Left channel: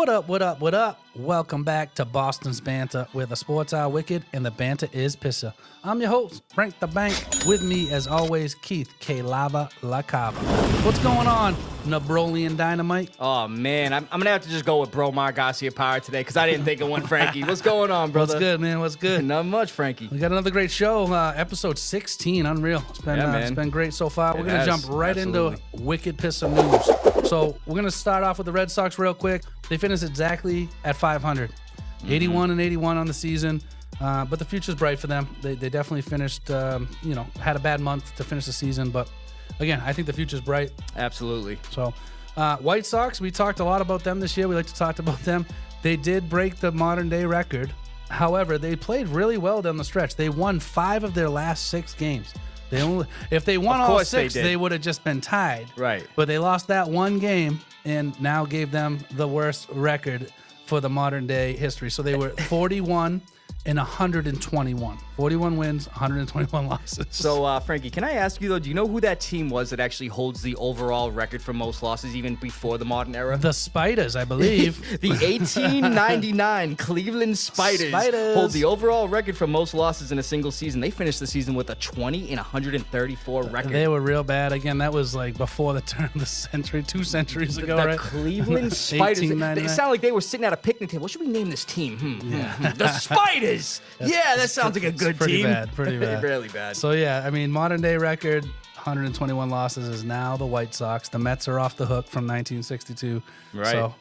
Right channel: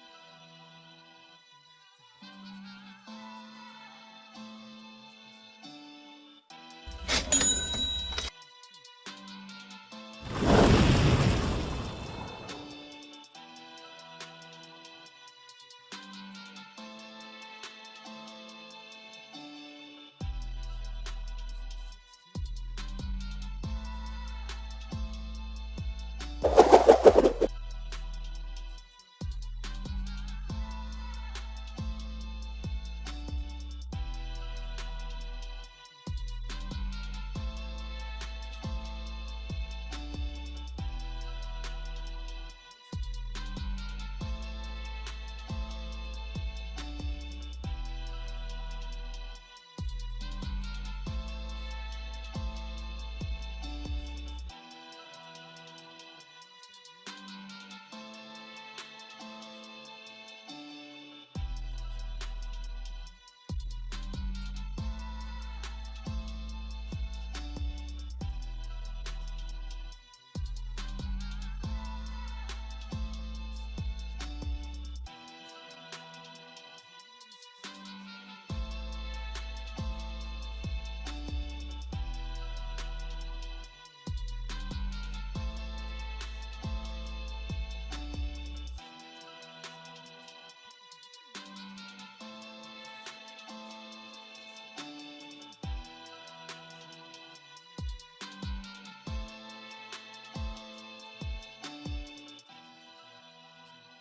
What up, what up, what up? Welcome back to Boston's Banter, where the sports are wicked and the banter is Pissah. I'm your host, Frank the Bank. With me, as always, Keith LaCava. What's going on, Nabrolian Dynamite? Oh, man. I'm going to have to just go with Bro Mar Garcia Power today because I didn't think of one, Frankie. What's going on, brother? What's good, man? What's good? Not much, Frankie. We got another great show, episode 16. Unreal. It's been great so far. We're going to jump right into wicked Pissah news. So we're going to start off with the Red Sox real quick. They finished exactly at 500. 81 and 81 on the season. But the future's bright for them. They definitely finished, had a bad month to finish the season. But again, I think the future's bright. Absolutely. So White Sox, we talked a lot about them this year. We like to talk about them. They did break the modern day record. However, they played really well down the stretch. They won 5 of their last 6 games. If they won all 6, they would have just been tied. Right. But they lost that one game and now gave them the worst record for the modern day history. So they were 41 and 121. 41 wins, 121 losses. So, Frankie, can I ask you, though, do you know who that team was that actually holds the overall record for most losses even before the modern era? The Spiders, I believe. The 1899 Cleveland Spiders hold the overall record for most losses in a single season. They finished the season with a 20 and 134 record. They were real bad. Again, that was like before the turn of the century, 2 centuries ago, the right? Cleveland Spiders. They sound like they were sitting at a picnic table. What should we name this team? Yeah. The Spiders. Yeah, that sounds like a good pretty team. Pretty bad. Really bad. So, yeah, I mean, modern day record, 121 losses is now the White Sox. The Mets are off the hook from 1962. Right. So,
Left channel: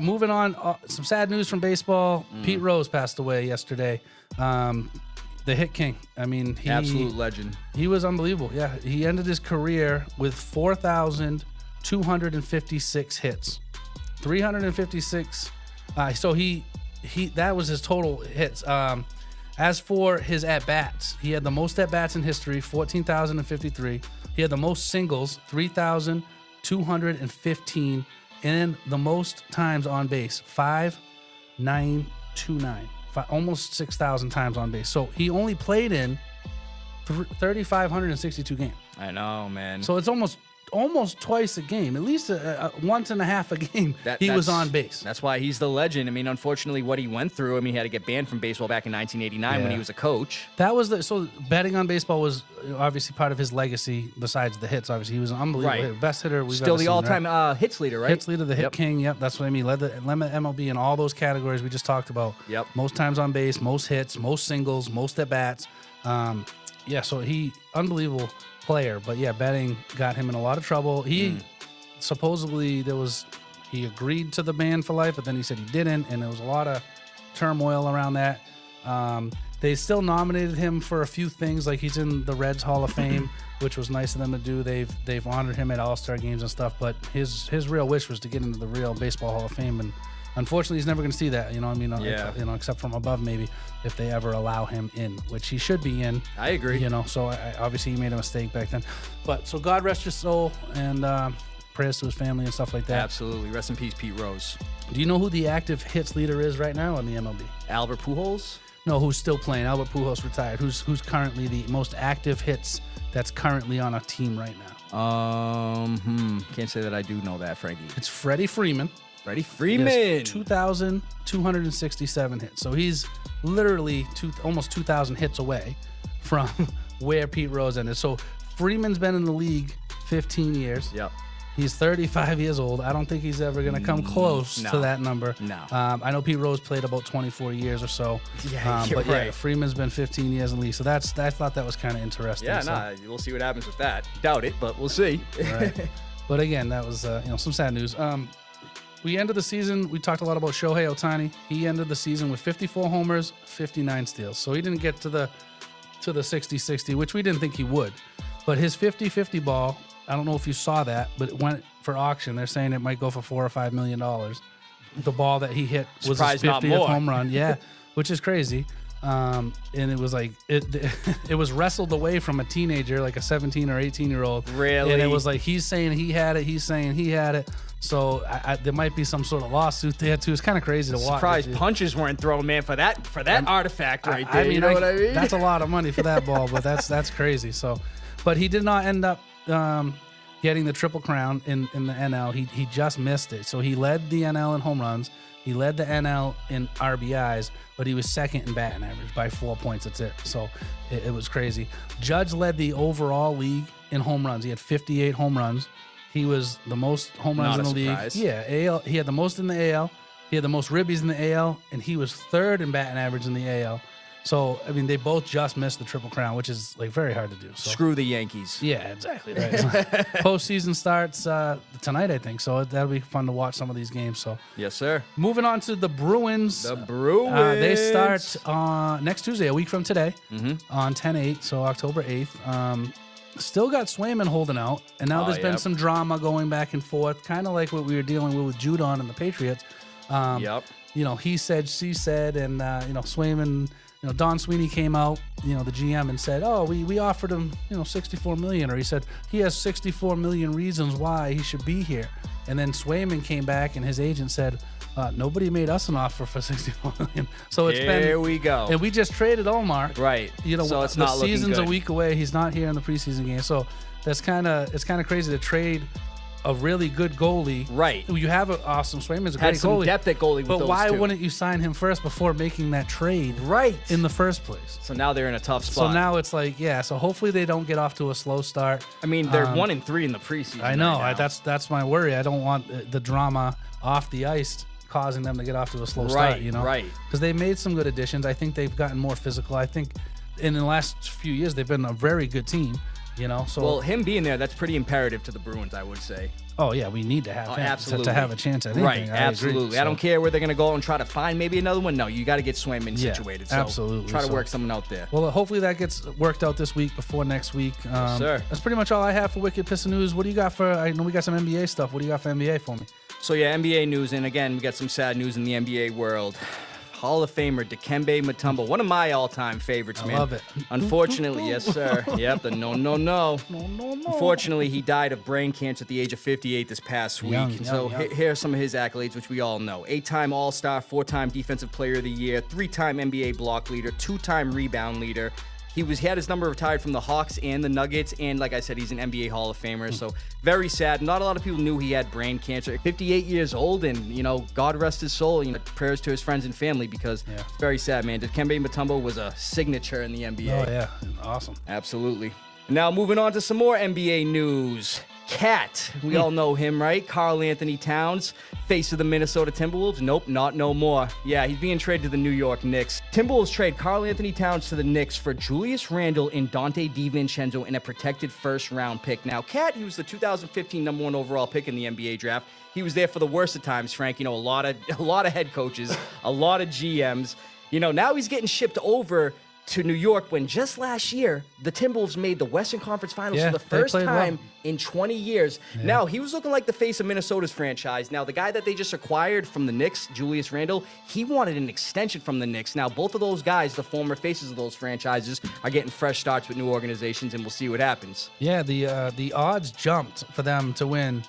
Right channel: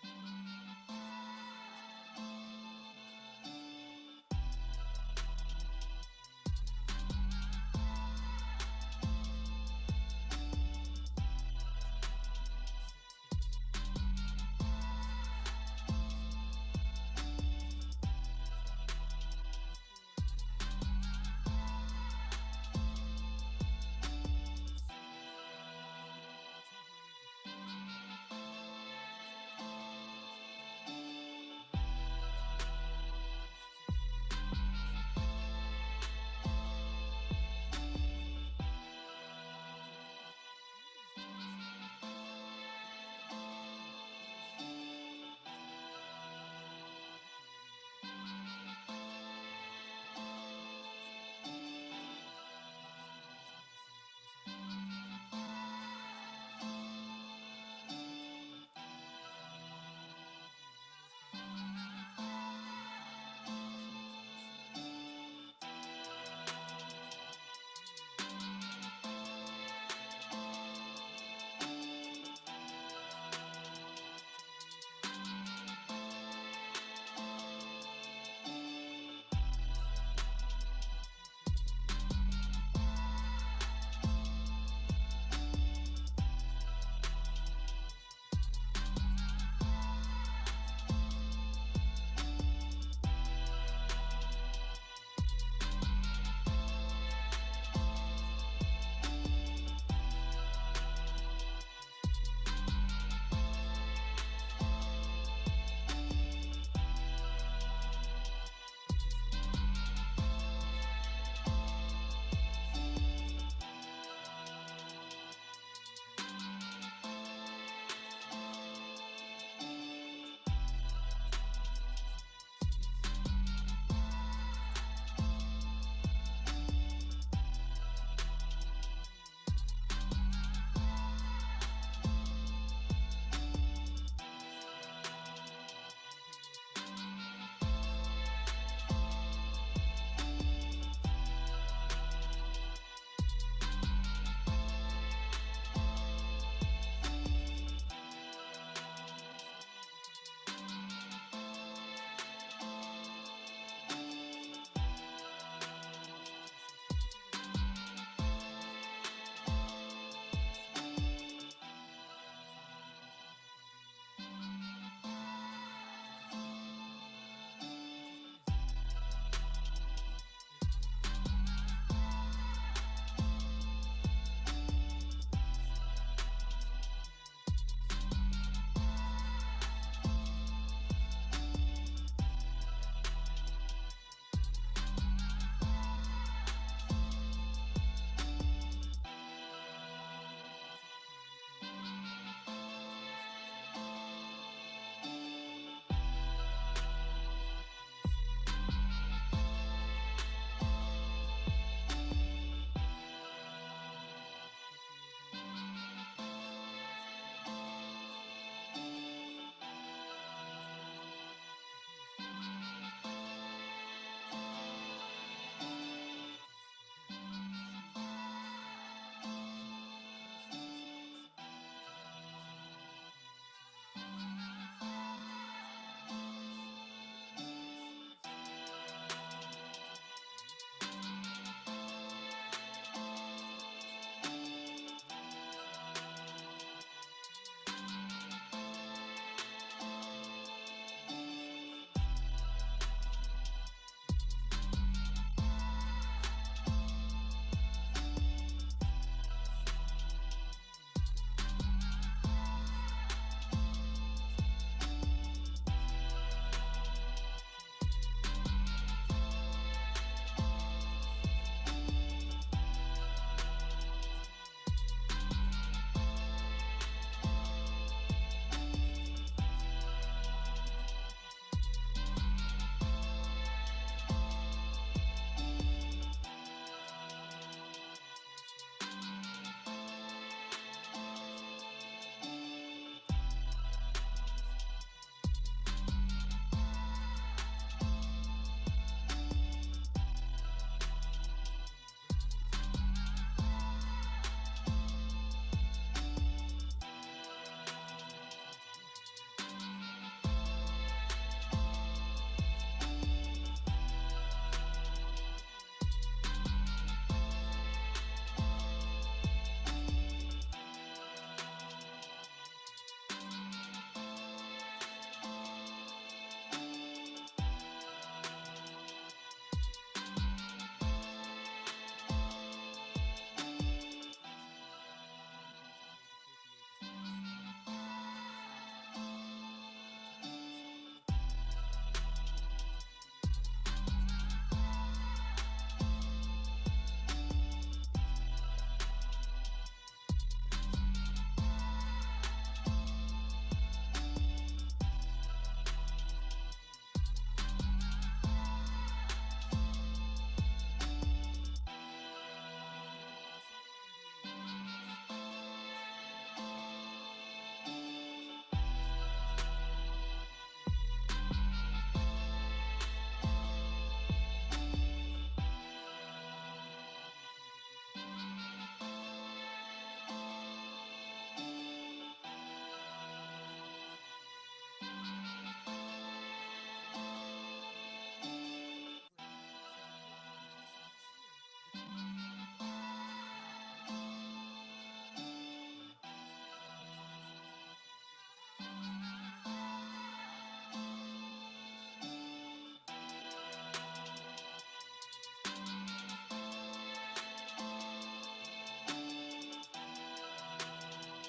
moving on. Some sad news from baseball. Pete Rose passed away yesterday. The hit king. I mean, absolute legend. He was unbelievable. Yeah, he ended his career with 4,256 hits. 356. So that was his total hits. As for his at-bats, he had the most at-bats in history, 14,053. He had the most singles, 3,215, and the most times on base, 5,929. Almost 6,000 times on base. So he only played in 3,562 games. I know, man. So it's almost twice a game, at least once and a half a game. He was on base. That's why he's the legend. I mean, unfortunately, what he went through. I mean, he had to get banned from baseball back in 1989 when he was a coach. That was so betting on baseball was obviously part of his legacy. Besides the hits, obviously he was an unbelievable hitter, best hitter we've still ever the seen, all-time hits leader, right? Hits leader, the hit king. Yep, that's what I mean. Led the MLB in all those categories we just talked about. Yep. Most times on base, most hits, most singles, most at bats. So he unbelievable player, but betting got him in a lot of trouble. He supposedly he agreed to the ban for life, but then he said he didn't, and there was a lot of turmoil around that. They still nominated him for a few things, like he's in the Reds Hall of Fame, which was nice of them to do. They've honored him at All-Star games and stuff, but his real wish was to get into the real Baseball Hall of Fame, and unfortunately, he's never going to see that, except from above maybe, if they ever allow him in, which he should be in. I agree. So obviously he made a mistake back then. But so God rest his soul, and prayers to his family and stuff like that. Absolutely. Rest in peace, Pete Rose. Do you know who the active hits leader is right now in the MLB? Albert Pujols? No, who's still playing? Albert Pujols retired. Who's currently the most active hits that's currently on a team right now? Can't say that I do know that, Frankie. It's Freddie Freeman. Freddie Freeman. 2,267 hits. So he's literally almost 2,000 hits away from where Pete Rose ended. So Freeman's been in the league 15 years. Yep. He's 35 years old. I don't think he's ever going to come close to that number. No. I know Pete Rose played about 24 years or so. Yeah, you're right. Freeman's been 15 years in the league. So I thought that was kind of interesting. Yeah, we'll see what happens with that. Doubt it, but we'll see. Right. But again, that was some sad news. We ended the season, we talked a lot about Shohei Ohtani. He ended the season with 54 homers, 59 steals. So he didn't get to the 60-60, which we didn't think he would. But his 50-50 ball, I don't know if you saw that, but it went for auction. They're saying it might go for $4 or $5 million. The ball that he hit was his 50th home run. Yeah, which is crazy. And it was like it was wrestled away from a teenager, like a 17 or 18-year-old. Really? And it was like he's saying he had it, he's saying he had it. So there might be some sort of lawsuit there too. It's kind of crazy to watch. Surprised punches weren't thrown, man, for that artifact right there. You know what I mean? That's a lot of money for that ball, but that's crazy. So, but he did not end up getting the Triple Crown in the NL. He just missed it. So he led the NL in home runs. He led the NL in RBIs, but he was second in batting average by 4 points. That's it. So it was crazy. Judge led the overall league in home runs. He had 58 home runs. He was the most home runs in the league. Yeah, AL. He had the most in the AL. He had the most ribbies in the AL, and he was third in batting average in the AL. So, I mean, they both just missed the Triple Crown, which is, like, very hard to do. So. Screw the Yankees. Yeah, exactly. Right. Postseason starts tonight, I think. So that'll be fun to watch some of these games. So Yes, sir. moving on to the Bruins. The Bruins. They start next Tuesday, a week from today, on 10/8, so October 8th. Still got Swayman holding out, and now there's been some drama going back and forth, kind of like what we were dealing with Judon and the Patriots. You know, he said, she said, and, you know, Swayman... You know, Don Sweeney came out, you know, the GM, and said, "Oh, we offered him, you know, $64 million," or he said he has 64 million reasons why he should be here. And then Swayman came back, and his agent said, "Nobody made us an offer for $64 million." So it's been here we go, and we just traded Omar. Right. You know, so it's the not season's looking good. a week away. He's not here in the preseason game, so it's kind of crazy to trade a really good goalie. Right. You have an awesome Swayman's a great Had some goalie. depth at goalie with But those why two. wouldn't you sign him first before making that trade? Right. In the first place. So now they're in a tough spot. So now it's like, yeah. So hopefully they don't get off to a slow start. I mean, they're 1-3 in the preseason. I know. Right now. That's my worry. I don't want the drama off the ice causing them to get off to a slow start. You know. Right. Because they made some good additions. I think they've gotten more physical. I think in the last few years they've been a very good team. You know. So well, him being there, that's pretty imperative to the Bruins, I would say. Oh yeah, we need to have him absolutely. to have a chance at anything. Right, I absolutely. agree. I don't care where they're going to go and try to find maybe another one. No, you got to get Swayman situated. So absolutely. Try to work someone out there. Well, hopefully that gets worked out this week before next week. Sir. That's pretty much all I have for Wicked Pissah News. What do you got for? I know we got some NBA stuff. What do you got for NBA for me? So yeah, NBA news, and again, we got some sad news in the NBA world. Hall of Famer Dikembe Mutombo, one of my all-time favorites, man. I love it. Unfortunately, yes, sir. Yep, the no. Unfortunately, he died of brain cancer at the age of 58 this past week. Young. Here are some of his accolades, which we all know. 8-time All-Star, 4-time Defensive Player of the Year, 3-time NBA block leader, 2-time rebound leader. He had his number retired from the Hawks and the Nuggets, and like I said, he's an NBA Hall of Famer, so very sad. Not a lot of people knew he had brain cancer. 58 years old, and, you know, God rest his soul. You know, prayers to his friends and family, because it's very sad, man. Dikembe Mutombo was a signature in the NBA. Oh, yeah. Awesome. Absolutely. Now, moving on to some more NBA news. Cat, we all know him, right? Karl Anthony Towns, face of the Minnesota Timberwolves. Nope, not no more. Yeah, he's being traded to the New York Knicks. Timberwolves trade Karl Anthony Towns to the Knicks for Julius Randle and Dante DiVincenzo in a protected first-round pick. Now, Cat, he was the 2015 number 1 overall pick in the NBA draft. He was there for the worst of times, Frank. You know, a lot of head coaches, a lot of GMs. You know, now he's getting shipped over to New York when just last year the Timberwolves made the Western Conference Finals for the first time in 20 years. Now, he was looking like the face of Minnesota's franchise. Now, the guy that they just acquired from the Knicks, Julius Randle, he wanted an extension from the Knicks. Now, both of those guys, the former faces of those franchises, are getting fresh starts with new organizations, and we'll see what happens. Yeah, the odds jumped for them to win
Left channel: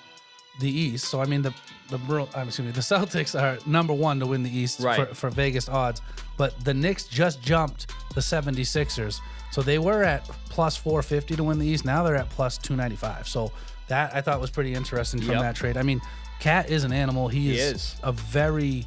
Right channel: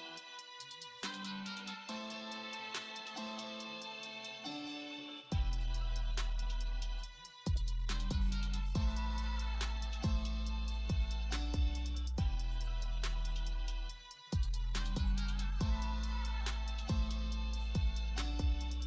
the East. So I mean the Celtics are number 1 to win the East for Vegas odds, but the Knicks just jumped the 76ers. So they were at plus 450 to win the East. Now they're at plus 295. So that I thought was pretty interesting from that trade. I mean, Cat is an animal. He is a very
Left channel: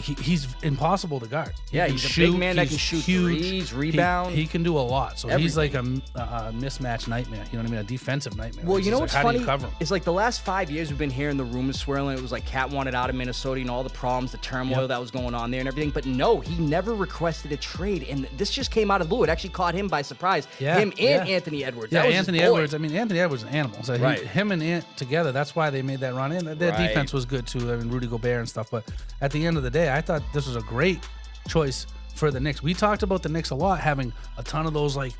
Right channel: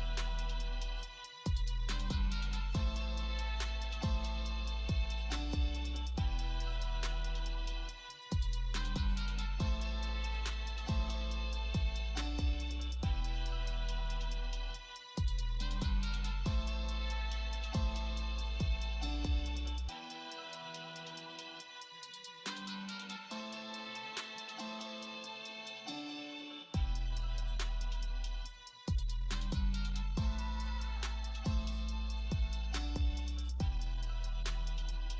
he's impossible to guard. Yeah, he's a big man that can shoot threes, rebound. He can do a lot. So he's like a mismatch nightmare. You know what I mean? A defensive nightmare. Well, you know what's funny? How do you cover him? It's like the last 5 years we've been hearing the rumors swirling. It was like Cat wanted out of Minnesota, you know, all the problems, the turmoil that was going on there and everything. But no, he never requested a trade. And this just came out of the blue. It actually caught him by surprise. Him and Anthony Edwards. Yeah, that was Anthony Edwards. I mean, Anthony Edwards is an animal. So him and Ant together, that's why they made that run. And their defense was good too. I mean, Rudy Gobert and stuff. But at the end of the day, I thought this was a great choice for the Knicks. We talked about the Knicks a lot, having a ton of those like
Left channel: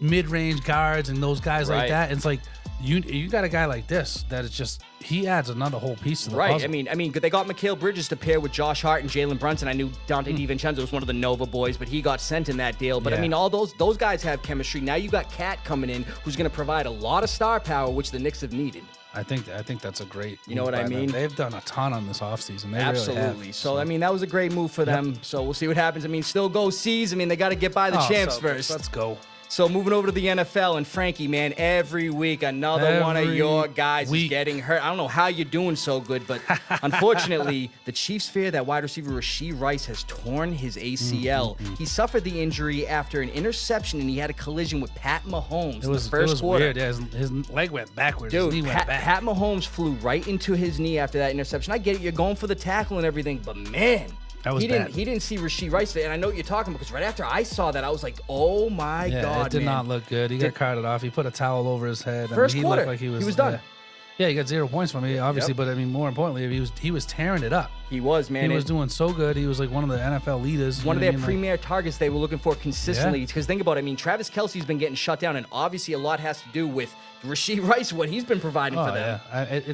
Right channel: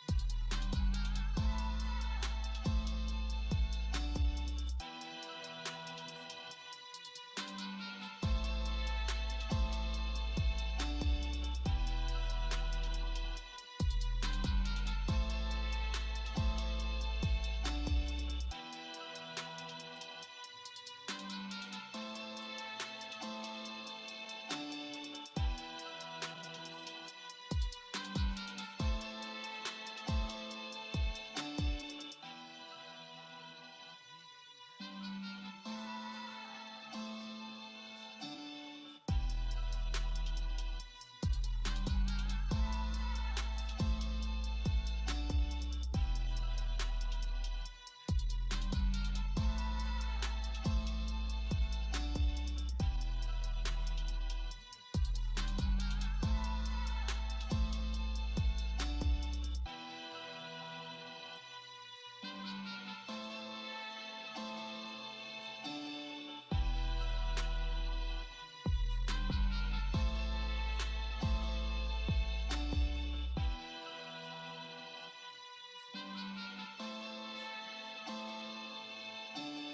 mid-range guards and those guys like that. And it's like you got a guy like this that is just he adds another whole piece to the puzzle. I mean, they got Mikal Bridges to pair with Josh Hart and Jalen Brunson. I knew Dante DiVincenzo was one of the Nova boys, but he got sent in that deal. But I mean, all those guys have chemistry. Now you got Cat coming in, who's going to provide a lot of star power, which the Knicks have needed. I think that's a great. You know what I mean? They've done a ton on this offseason. They Absolutely. Really have. So I mean, that was a great move for them. So we'll see what happens. I mean, still go C's. I mean, they got to get by the champs first. Let's go. So moving over to the NFL, and Frankie, man, every week another one of your guys is getting hurt. I don't know how you're doing so good, but unfortunately, the Chiefs fear that wide receiver Rashee Rice has torn his ACL. He suffered the injury after an interception, and he had a collision with Pat Mahomes in the first quarter. Weird. Yeah, his leg went backwards. Dude, his knee went back. Pat Mahomes flew right into his knee after that interception. I get it, you're going for the tackle and everything, but man, he didn't see Rashee Rice there, and I know what you're talking about because right after I saw that, I was like, "Oh my God!" It did not look good. He got carted off. He put a towel over his head. First he quarter, looked like he was done. Yeah, he got 0 points from me, obviously. But I mean, more importantly, he was tearing it up. He was, man. He was doing so good. He was like one of the NFL leaders. One of their premier targets they were looking for consistently. Because think about it. I mean, Travis Kelce's been getting shut down, and obviously a lot has to do with Rashee Rice, what he's been providing for them. Yeah.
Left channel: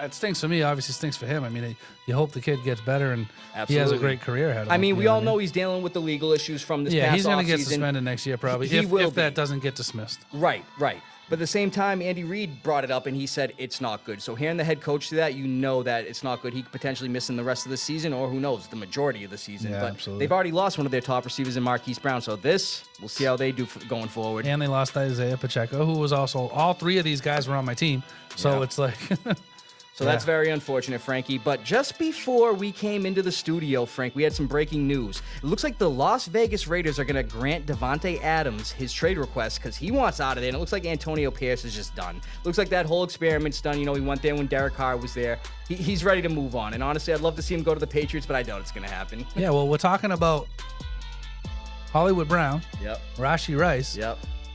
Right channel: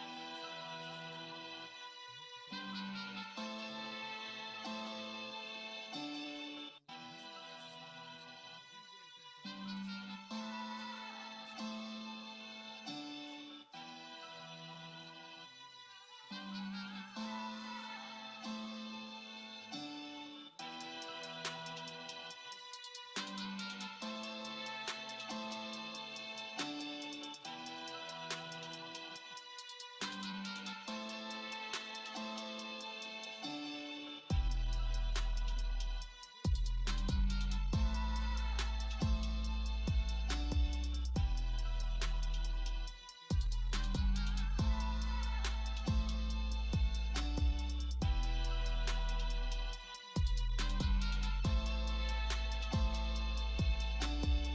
It stinks for me. Obviously, stinks for him. I mean, you hope the kid gets better and he has a great career ahead of him. I mean, we all know he's dealing with the legal issues from this past offseason. Yeah, he's going to get suspended next year probably if that doesn't get dismissed. Right. But at the same time, Andy Reid brought it up, and he said it's not good. So hearing the head coach do that, you know that it's not good. He could potentially miss in the rest of the season, or who knows, the majority of the season. Yeah, but absolutely. they've already lost one of their top receivers in Marquise Brown. So we'll see how they do going forward. And they lost Isaiah Pacheco, who was also, all three of these guys were on my team. So it's like... So that's very unfortunate, Frankie. But just before we came into the studio, Frank, we had some breaking news. It looks like the Las Vegas Raiders are going to grant Davante Adams his trade request because he wants out of there. And it looks like Antonio Pierce is just done. Looks like that whole experiment's done. You know, he went there when Derek Carr was there. He's ready to move on. And honestly, I'd love to see him go to the Patriots, but I doubt it's going to happen. Yeah, well, we're talking about Hollywood Brown, Rashee Rice,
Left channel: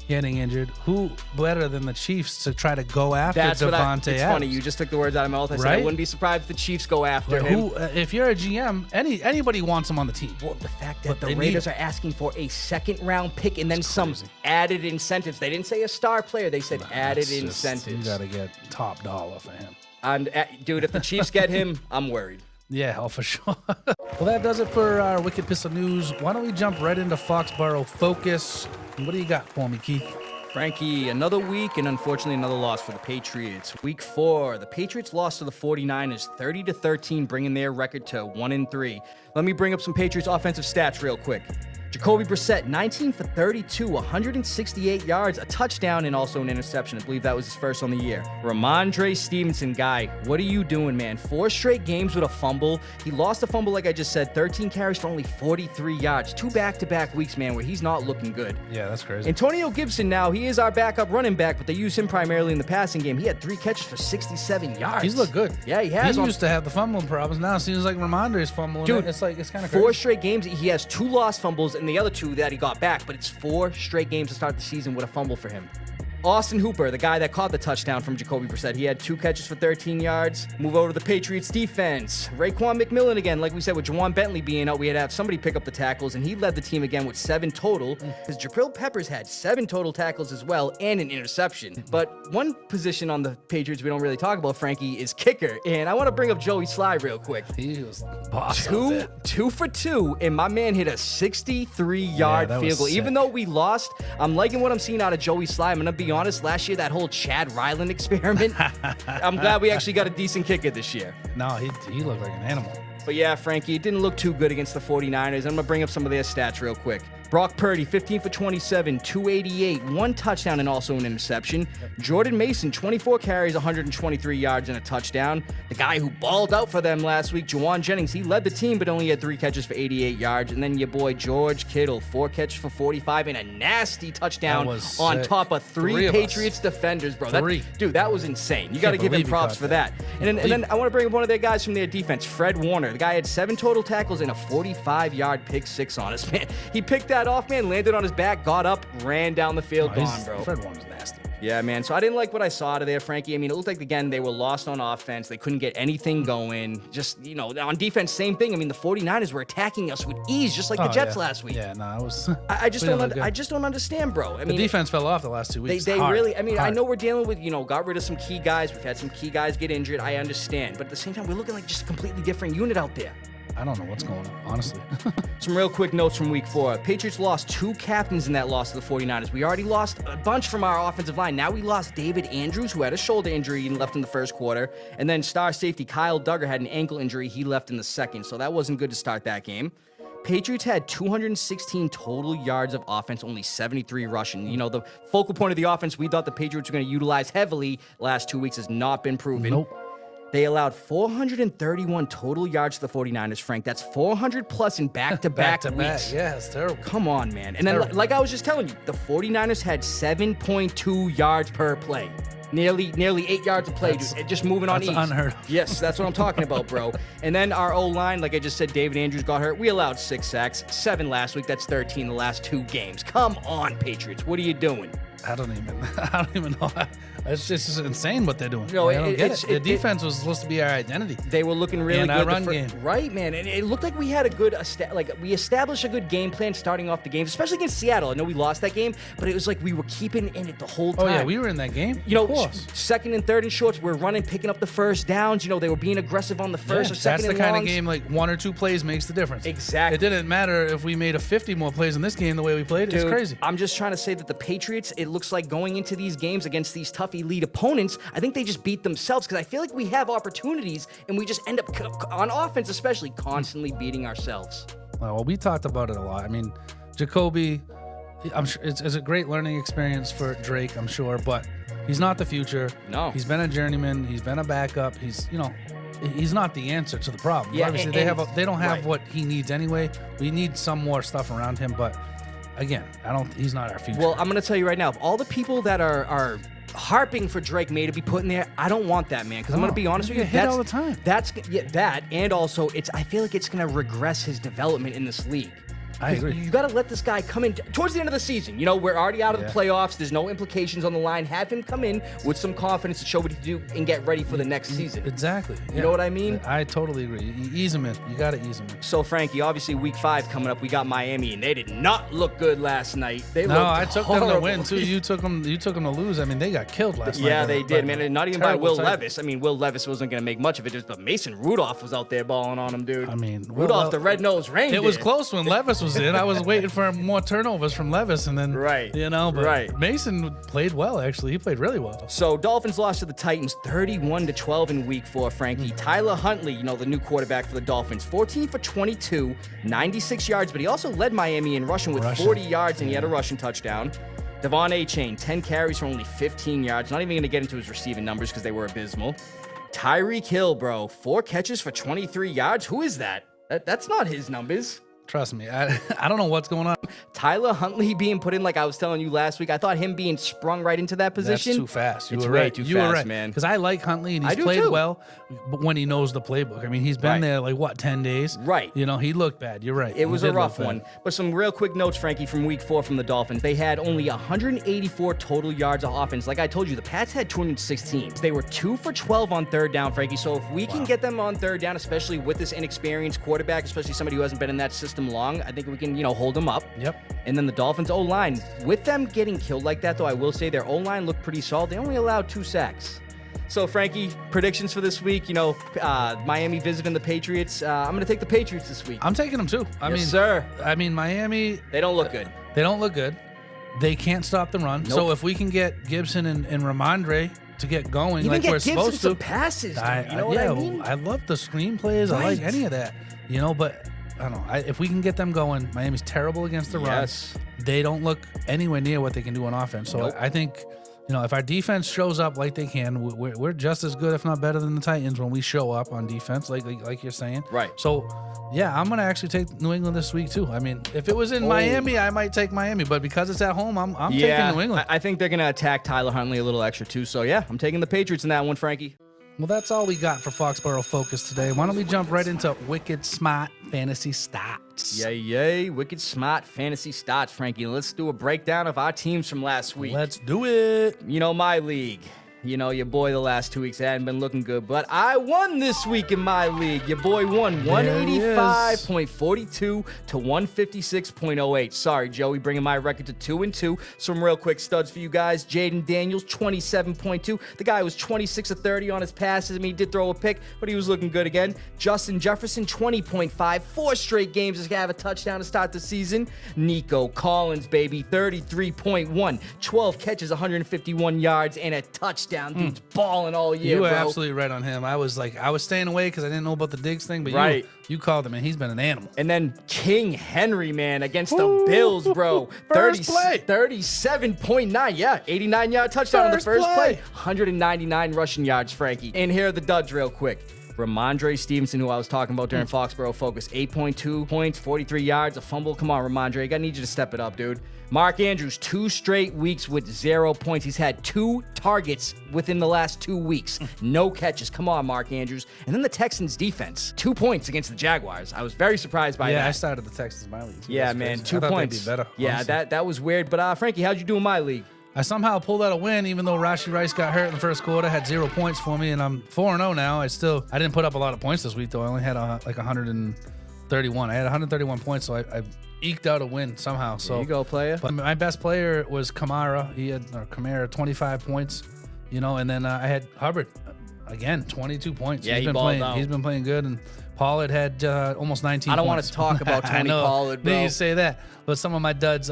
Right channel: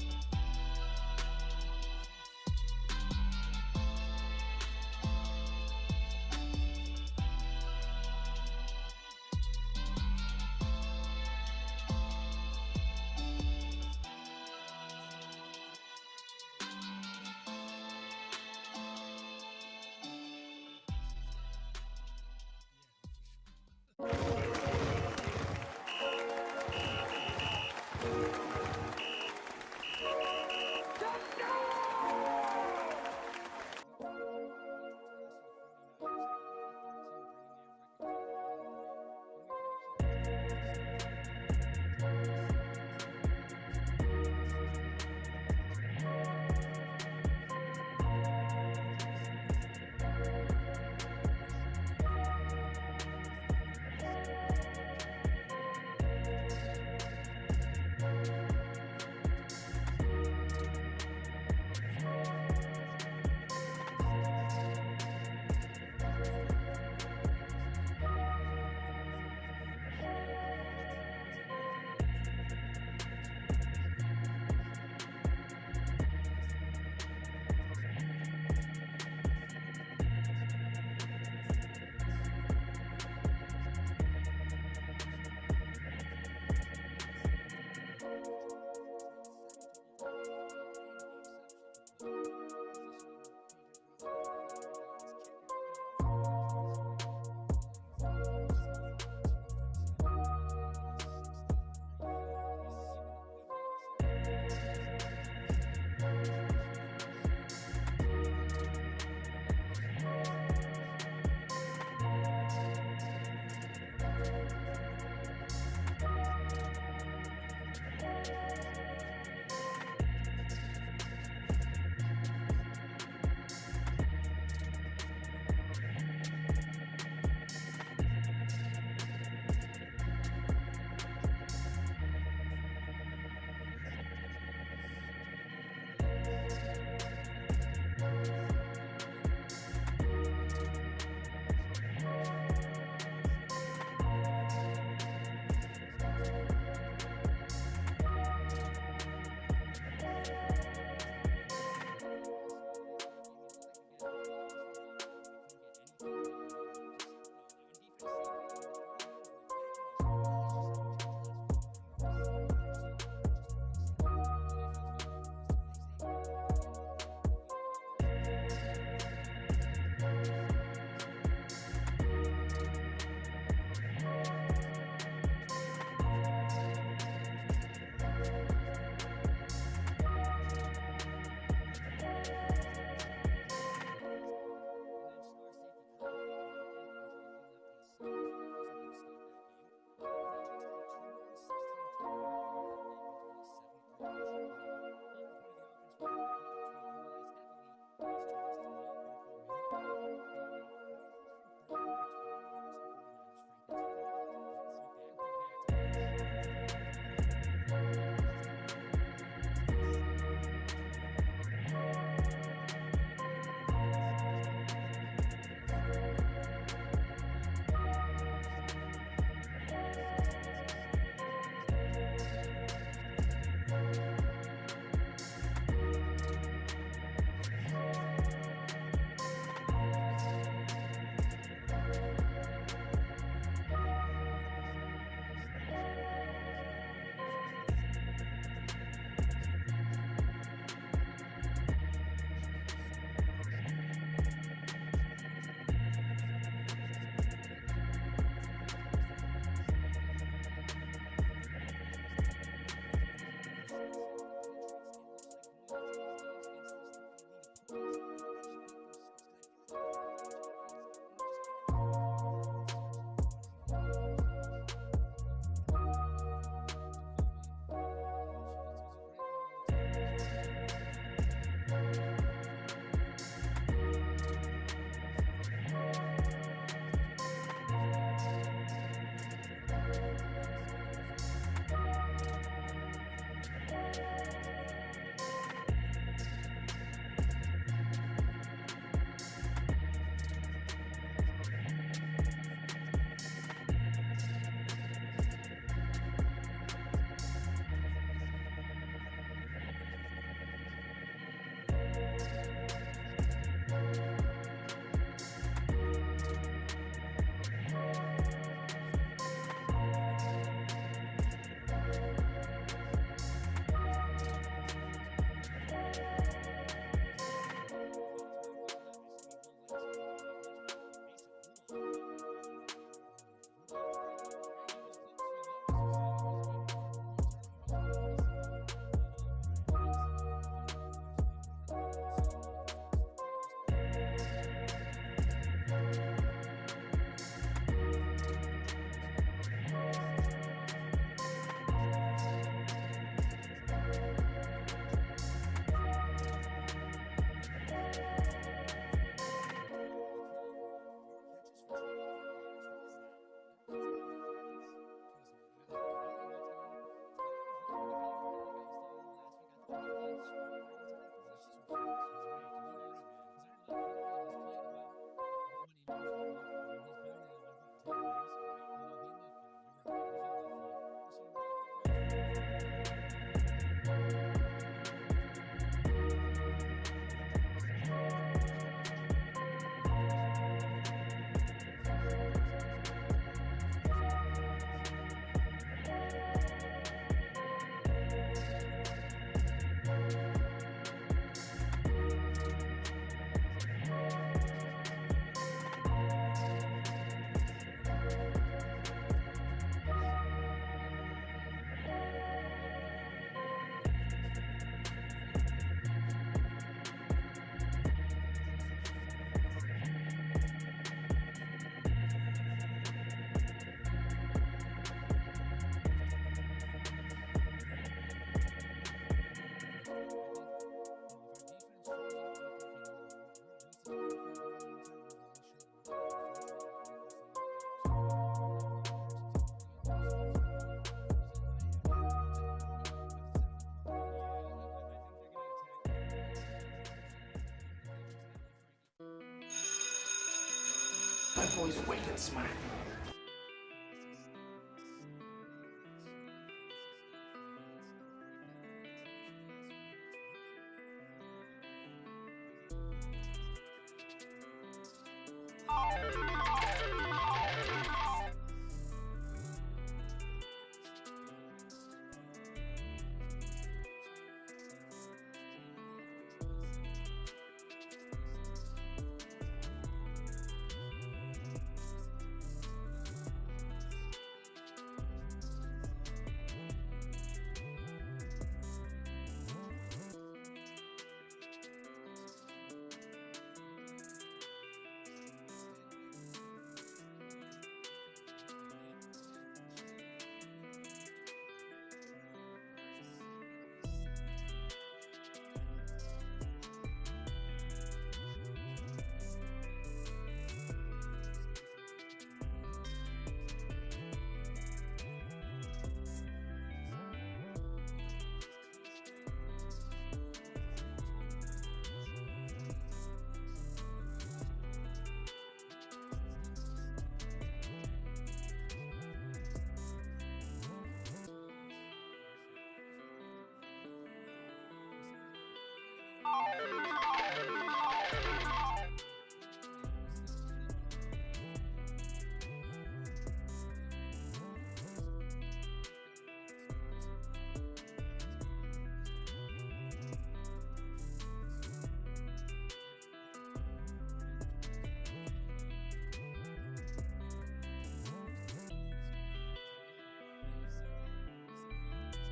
getting injured. Who better than the Chiefs to try to go after Davante Adams? It's funny. You just took the words out of my mouth. I said I wouldn't be surprised if the Chiefs go after him. If you're a GM, anybody wants him on the team. Well, the fact that the Raiders are asking for a second-round pick and then some added incentives. They didn't say a star player. They said added incentives. You got to get top dollar for him. And dude, if the Chiefs get him, I'm worried. Yeah, for sure. Well, that does it for our Wicked Pissah News. Why don't we jump right into Foxboro Focus? What do you got for me, Keith? Frankie, another week and unfortunately another loss for the Patriots. Week 4, the Patriots lost to the 49ers 30-13, bringing their record to 1-3. Let me bring up some Patriots offensive stats real quick. Jacoby Brissett, 19 for 32, 168 yards, a touchdown, and also an interception. I believe that was his first on the year. Ramondre Stevenson, guy, what are you doing, man? 4 straight games with a fumble. He lost a fumble, like I just said, 13 carries for only 43 yards. 2 back-to-back weeks, man, where he's not looking good. Yeah, that's crazy. Antonio Gibson now, he is our backup running back, but they use him primarily in the passing game. He had 3 catches for 67 yards. He's looked good. Yeah, he has. He used to have the fumbling problems. Now it seems like Ramondre's fumbling. Dude, it's kind of crazy. 4 straight games. He has 2 lost fumbles and the other 2 that he got back, but it's 4 straight games to start the season with a fumble for him. Austin Hooper, the guy that caught the touchdown from Jacoby Brissett, he had 2 catches for 13 yards. Move over to the Patriots defense. Raekwon McMillan again, like we said, with Juwan Bentley being out, we had to have somebody pick up the tackles, and he led the team again with 7 total. Because Jabril Peppers had 7 total tackles as well, and an interception. But one position on the Patriots we don't really talk about, Frankie, is kicker. And I want to bring up Joey Sly real quick. He was boss. 2 for 2, and my man hit a 63-yard field goal. Even though we lost, I'm liking what I'm seeing out of Joey Sly. I'm going to be honest, last year, that whole Chad Ryland experiment, I'm glad we actually got a decent kicker this year. No, he looked like an animal. But yeah, Frankie, it didn't look too good against the 49ers. I'm going to bring up some of their stats real quick. Brock Purdy, 15 for 27, 288, 1 touchdown and also an interception. Jordan Mason, 24 carries, 123 yards and a touchdown. The guy who balled out for them last week, Juwan Jennings, he led the team but only had 3 catches for 88 yards. And then your boy George Kittle, 4 catches for 45 and a nasty touchdown on top of 3 Patriots defenders, bro. Dude, that was insane. You got to give him props for that. And then I want to bring up one of their guys from their defense, Fred Warner. The guy had 7 total tackles and a 45-yard pick 6 on us, man. He picked that off, man, landed on his back, got up, ran down the field, gone, bro. Fred Warner's nasty. Yeah, man. So I didn't like what I saw out of there, Frankie. I mean, it looked like, again, they were lost on offense. They couldn't get anything going. Just, you know, on defense, same thing. I mean, the 49ers were attacking us with ease, just like the Jets last week. Yeah, no, it was... I just don't understand, bro. I mean, the defense fell off the last 2 weeks. They really... I mean, I know we're dealing with, you know, got rid of some key guys. We've had some key guys get injured. I understand. But at the same time, we're looking like just a completely different unit out there. I don't know what's going on, honestly. Some real quick notes from week 4. Patriots lost 2 captains in that loss to the 49ers. We already lost a bunch from our offensive line. Now we lost David Andrews, who had a shoulder injury and left in the first quarter. And then star safety Kyle Duggar had an ankle injury. He left in the second. So that wasn't good to start that game. Patriots had 216 total yards of offense, only 73 rushing. You know, the focal point of the offense we thought the Patriots were going to utilize heavily last 2 weeks has not been proven. Nope. They allowed 431 total yards to the 49ers, Frank. That's 400 plus in back-to-back weeks. Yeah, it's terrible. Come on, man. And then, like I was just telling you, the 49ers had 7.2 yards per play. Nearly 8 yards a play, just moving on ease. That's unheard of. Yes, that's what I'm talking about, bro. And then our O-line, like I just said, David Andrews got hurt. We allowed 6 sacks, 7 last week. That's 13 the last 2 games. Come on, Patriots. What are you doing? I don't even know. It's just insane what they're doing. You know, I don't get it. The defense was supposed to be our identity. They were looking really and good. Our run game. Right, man. And it looked like we had a good, we established a good game plan starting off the game, especially against Seattle. I know we lost that game, but it was like we were keeping in it the whole time. Oh, yeah, we were in that game. You know, of course. second and third and shorts, we're running, picking up the first downs. You know, they were being aggressive on the first or second That's the and kind longs. of game, like 1 or 2 plays makes the difference. Exactly. It didn't matter if we made 50 more plays in this game the way we played. Dude, it's crazy. I'm just trying to say that the Patriots, it looks like going into these games against these tough elite opponents, I think they just beat themselves because I feel like we have opportunities and we just end up, on offense especially, constantly beating ourselves. Well, we talked about it a lot. I mean, Jacoby, I'm sure it's a great learning experience for Drake, I'm sure, but he's not the future. No. He's been a journeyman. He's been a backup. He's not the answer to the problem. Yeah, Obviously, they don't have what he needs anyway. We need some more stuff around him, but again, he's not our future. Well, I'm going to tell you right now, of all the people that are harping for Drake May to be put in there, I don't want that, man. Because I'm going to be honest with you, hit all the time. That's that, and also I feel like it's going to regress his development in this league. I agree. You got to let this guy come in towards the end of the season. You know, we're already out of the playoffs. There's no implications on the line. Have him come in with some confidence to show what he do and get ready for the next season. Exactly. You know what I mean? I totally agree. Ease him in. You got to ease him in. So, Frankie, obviously week 5 coming up, we got Miami, and they did not look good last night. I took horrible. them to win too. You took them to lose. I mean, they got killed last night. Yeah, they did, man. And not even by Will type. Levis. I mean, Will Levis wasn't going to make much of it, but Mason Rudolph was out there balling on him, dude. I mean, Rudolph, the red-nosed reindeer. It was close when Levis was in. I was waiting for more turnovers from Levis, and then Mason played well. Actually, he played really well. So Dolphins lost to the Titans 31-12 in week 4. Frankie, Tyler Huntley, you know, the new quarterback for the Dolphins, 14 for 22, 96 yards, but he also led Miami in rushing with 40 yards, and he had a rushing touchdown. Devon A-Chain, 10 carries for only 15 yards. Not even going to get into his receiving numbers because they were abysmal. Tyreek Hill, bro, 4 catches for 23 yards. Who is that? That's not his numbers. Trust me, I don't know what's going on. Tyler Huntley being put in, like I was telling you last week, I thought him being sprung right into that position. That's too fast. You were right, man. Because I like Huntley, and he's played well, but when he knows the playbook. I mean, he's been there like 10 days. Right. You know, he looked bad. You're right. It was a rough one. But some real quick notes, Frankie, from week 4 from the Dolphins. They had only 184 total yards of offense. Like I told you, the Pats had 216. They were 2 for 12 on third down, Frankie. So if we can get them on third down, especially with this inexperienced quarterback, especially somebody who hasn't been in that system long, I think we can, hold them up. Yep. And then the Dolphins O-line, with them getting killed like that, though, I will say their O-line looked pretty solid. They only allowed 2 sacks. So, Frankie, predictions for this week, Miami visiting the Patriots. I'm going to take the Patriots this week. I'm taking them too. I mean, Miami. They don't look good. They don't look good. They can't stop the run. Nope. So if we can get Gibson and Ramondre to get going even like get we're Gibson supposed to. some passes, dude. You know what I mean? I love the screen plays. Right. I like any of that. But I don't know. If we can get them going, Miami's terrible against the run. They don't look anywhere near what they can do on offense. So I think, if our defense shows up like they can, we're just as good, if not better, than the Titans when we show up on defense, like you're saying. Right. So, yeah, I'm going to actually take New England this week, too. I mean, if it was in Miami, I might take Miami. But because it's at home, I'm taking New England. I think they're going to attack Tyler Huntley a little extra, too. So, yeah, I'm taking the Patriots in that one, Frankie. Well, that's all we got for Foxboro Focus today. Why don't we jump right into Wicked Smaht Fantasy Stats? Yay. Wicked Smaht Fantasy Stats, Frankie. Let's do a breakdown of our teams from last week. Let's do it. My league. Your boy the last 2 weeks hadn't been looking good, but I won this week in my league. Your boy won 185.42 to 156.08. Sorry, Joey, bringing my record to 2-2. Some real quick studs for you guys. Jaden Daniels, 27.2. The guy was 26 of 30 on his passes. I mean, he did throw a pick, but he was looking good again. Justin Jefferson, 20.5. 4 straight games to have a touchdown to start the season. Nico Collins, baby, 33.1. 12 catches, 151 yards, and a touchdown. touchdown. Dude's balling all year, You were bro. absolutely right on him. I was staying away because I didn't know about the Diggs thing, but Right. you called him, and he's been an animal. And then King Henry, man, against the Bills, bro. First play. 37.9, yeah. 89-yard touchdown on the First first play. play. 199 rushing yards, Frankie. And here are the duds real quick. Ramondre Stevenson, who I was talking about during Foxboro Focus, 8.2 points, 43 yards, a fumble. Come on, Ramondre. I need you to step it up, dude. Mark Andrews, 2 straight weeks with 0 points. He's had 2 targets within the last 2 weeks. No catches. Come on, Mark Andrews. And then the Texans defense, 2 points against the Jaguars. I was very surprised by that. Yeah, I started the Texans in my league. Yeah, That's man, crazy. 2 I thought points. They'd be better, Yeah, honestly. that was weird. But Frankie, how'd you do in my league? I somehow pulled out a win, even though Rashee Rice got hurt in the first quarter, had 0 points for me, and I'm 4-0 now. I didn't put up a lot of points this week, though. I only had like 131. I had 131 points, so I eked out a win somehow. So There you go, player. But my best player was Kamara. He had 25 points, and then I had Hubbard again, 22 points. Yeah, he's he been balled playing. out. He's been playing good, and Pollard had almost 19. I don't want points. to talk about I Tony know. Pollard, bro. You say that, but some of my duds.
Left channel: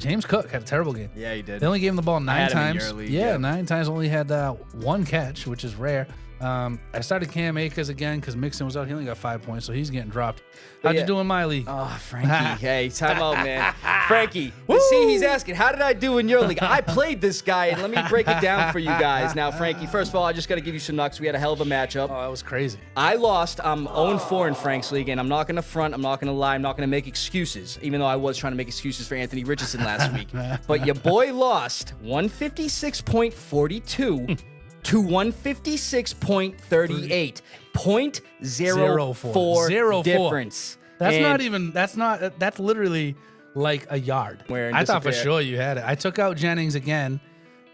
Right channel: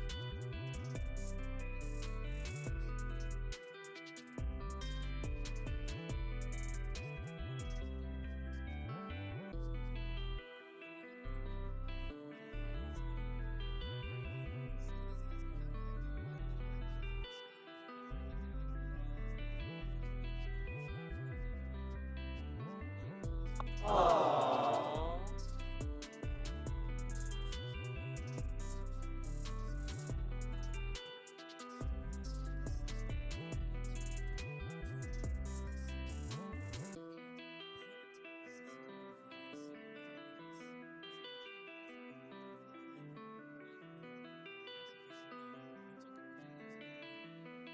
James Cook had a terrible game. Yeah, he did. They only gave him the ball 9 had him in times. your league, yeah, yeah. 9 times. Only had 1 catch, which is rare. I started Cam Akers again because Mixon was out. He only got 5 points, so he's getting dropped. How'd yeah. you do in my league? Oh, Frankie. Hey, time out, man. Frankie, see, he's asking, how did I do in your league? I played this guy, and let me break it down for you guys. Now, Frankie, first of all, I just got to give you some knocks. We had a hell of a matchup. Oh, that was crazy. I lost. I'm 0-4 in Frank's league, and I'm not going to front. I'm not going to lie. I'm not going to make excuses, even though I was trying to make excuses for Anthony Richardson last week. But your boy lost 156.42 to 156.38. 0.04 difference. That's literally like a yard. Where and I thought for disappear. sure you had it. I took out Jennings again,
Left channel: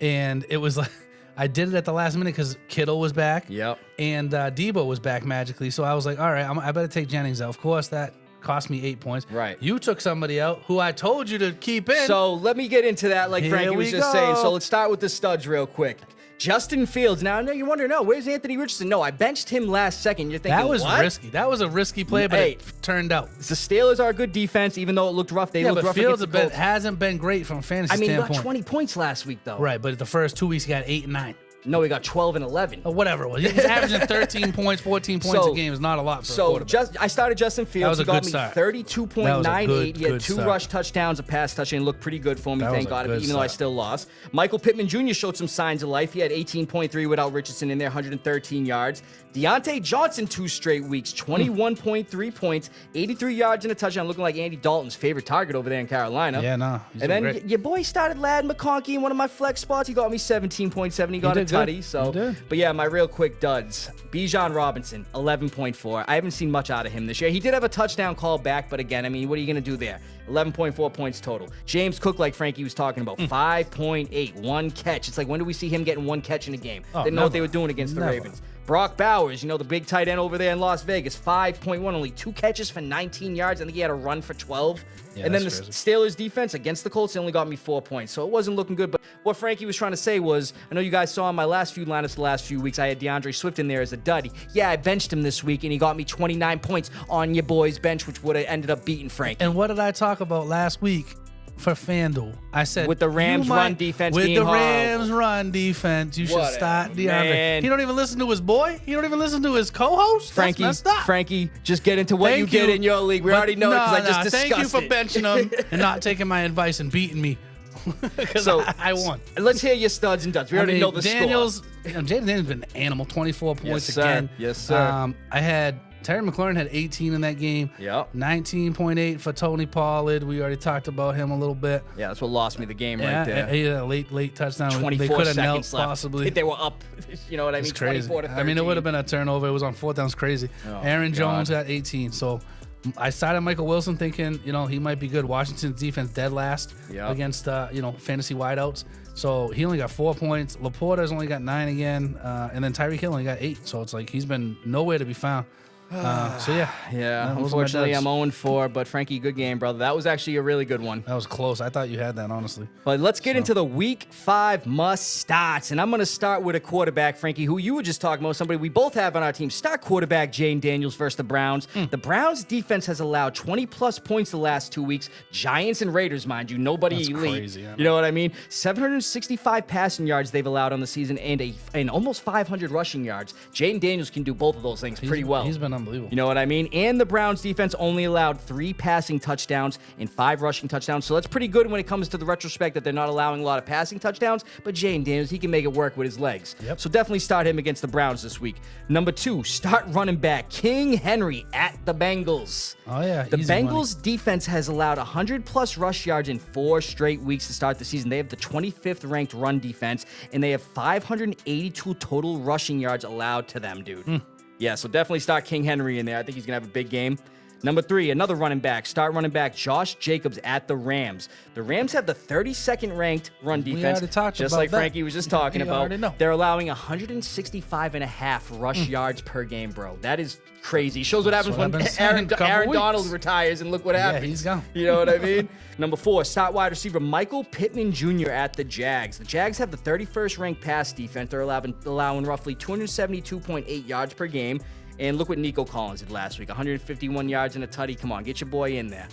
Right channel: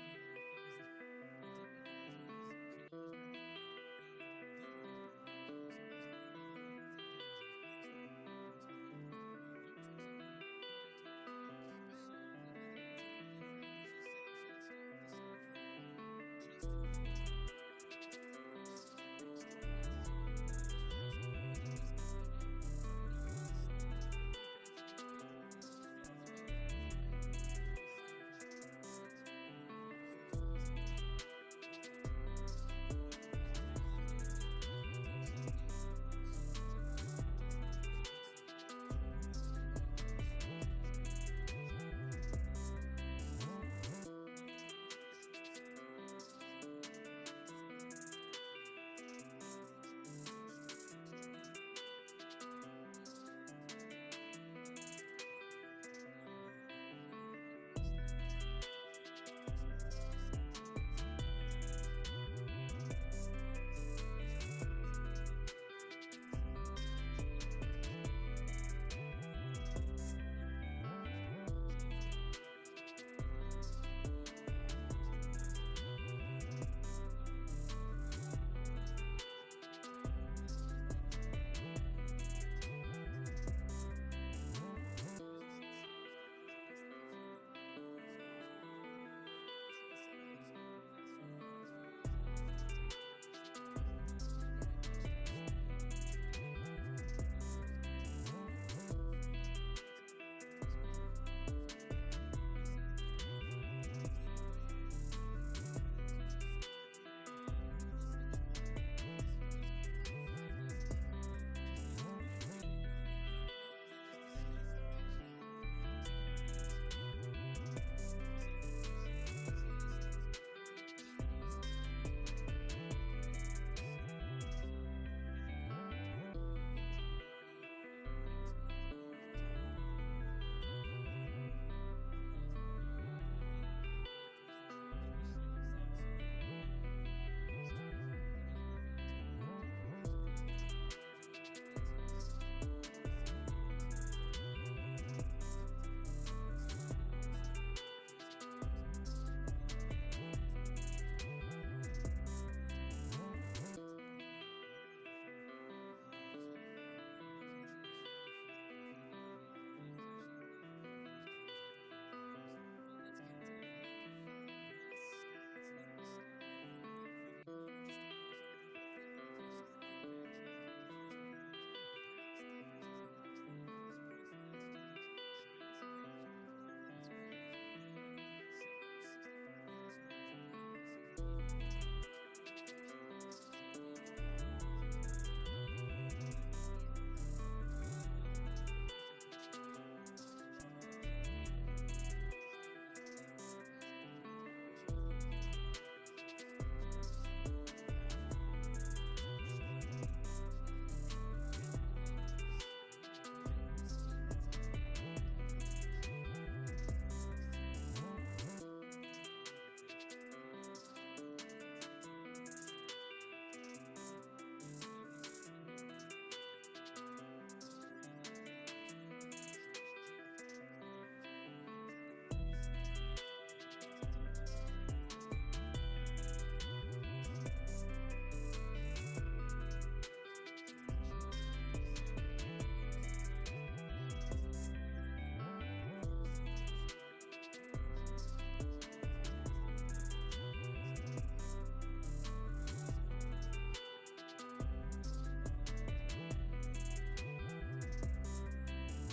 and it was like I did it at the last minute because Kittle was back. Yep. And Debo was back magically. So I was like, all right, I better take Jennings out. Of course, that cost me 8 points. Right. You took somebody out who I told you to keep in. So let me get into that, like Here Frankie was we just go. saying. So let's start with the studs real quick. Justin Fields. Now, I know you're wondering, where's Anthony Richardson? No, I benched him last second. You're thinking, that was what? risky. That was a risky play, but Hey. it turned out. The Steelers are a good defense, even though it looked rough. They Yeah, looked but rough Fields against the Colts. hasn't been great from a fantasy I mean, he standpoint. got 20 points last week, though. Right, but the first 2 weeks he got 8 and 9. No, he got 12 and 11. Or whatever it was. He was averaging 13 points, 14 points a game. Is not a lot for a So quarterback. I started Justin Fields. That was a He got good me start. 32.98. He had good 2 start. rush touchdowns, a pass touchdown. Looked pretty good for me, That thank was a God, good even though I start. still lost. Michael Pittman Jr. showed some signs of life. He had 18.3 without Richardson in there, 113 yards. Deontay Johnson, 2 straight weeks, 21.3 points, 83 yards and a touchdown, looking like Andy Dalton's favorite target over there in Carolina. Yeah, no. He's And been then great. your boy started Lad McConkey in one of my flex spots. He got me 17.7. He got a did good. tutty. So, He did. but yeah, my real quick duds. Bijan Robinson, 11.4. I haven't seen much out of him this year. He did have a touchdown call back, but again, I mean, what are you going to do there? 11.4 points total. James Cook, like Frankie was talking about, 5.8, 1 catch. It's like, when do we see him getting 1 catch in a game? Oh, Didn't know what never. they were doing against the Never. Ravens. Brock Bowers, the big tight end over there in Las Vegas, 5.1, only 2 catches for 19 yards. I think he had a run for 12. Yeah, And then the that's Steelers defense against the Colts, they only got me 4 points. So it wasn't looking good. But what Frankie was trying to say was, I know you guys saw in my last few lineups the last few weeks, I had DeAndre Swift in there as a dud. Yeah, I benched him this week, and he got me 29 points on your boy's bench, which would have ended up beating Frank. And what did I talk about last week for FanDuel? I said With the Rams run defense with being the horrible. Rams run defense, you should Whatever, start DeAndre. man. He don't even listen to his boy. He don't even listen to his co-host. Frankie, That's messed up. Frankie, just get into what Thank you did in your league. We But already know it because I just discussed Thank you for it. benching him and not taking my advice and beating me. Because So I won. Let's hear your studs and duds. We already know the Daniels, score. Jaden Daniels been an animal, 24 points sir. again. Yes, sir. I had Terry McLaurin had 18 in that game. Yep. 19.8 for Tony Pollard. We already talked about him a little bit. Yeah, that's what lost me the game Yeah, right there. he had a late touchdown. 24 they could have knelt seconds left. possibly. They were up. You know what I mean? It's crazy. 24 to 13. I mean, it would have been a turnover. It was on 4th down. It's crazy. Oh, Aaron God. Jones got 18. So I started Michael Wilson thinking, he might be good. Washington's defense dead last Yep. against, fantasy wideouts. So he only got 4 points. Laporta's only got 9 again. And then Tyreek Hill only got 8. So it's like he's been nowhere to be found. So yeah. Yeah, those are my unfortunately, duds. I'm 0-4, but Frankie, good game, brother. That was actually a really good one. That was close. I thought you had that, honestly. But let's get into the Week 5 must-starts. And I'm going to start with a quarterback, Frankie, who you were just talking about, somebody we both have on our team. Start quarterback Jane Daniels versus the Browns. The Browns defense has allowed 20-plus points the last 2 weeks. Giants and Raiders, mind you. Nobody That's elite. crazy, I know. You know what I mean? 765 passing yards they've allowed on the season and almost 500 rushing yards. Jane Daniels can do both of those things pretty well. He's been unbelievable. You know what I mean? And the Browns defense only allowed 3 passing touchdowns and 5 rushing touchdowns. So that's pretty good when it comes to the retrospect that they're not allowing a lot of passing touchdowns. But Jane Daniels, he can make it work with his legs. Yep. So definitely start him against the Browns this week. Number 2, start running back King Henry at the Bengals. Oh, yeah. The easy money. Bengals defense has allowed 100-plus rush yards in 4 straight weeks to start the season. They have the 25th ranked run defense, and they have 582 total rushing yards allowed to them, dude. Yeah, so definitely start King Henry in there. I think he's going to have a big game. Number 3, another running back. Start running back Josh Jacobs at the Rams. The Rams have the 32nd ranked run defense, already talked just about like that. Frankie was just talking You about. already know. They're allowing 165.5 rush yards per game, bro. That is crazy. Shows what happens what when I've been saying a couple Aaron weeks. Donald retires, and look what Yeah, happens. he's gone. You know what I mean? Number 4, start wide receiver Michael Pittman Jr. at the Jags. The Jags have the 31st ranked pass defense. They're allowing roughly 272.8 yards per game. And look what Nico Collins did last week. 151 yards and a tutty. Come on, get your boy in there.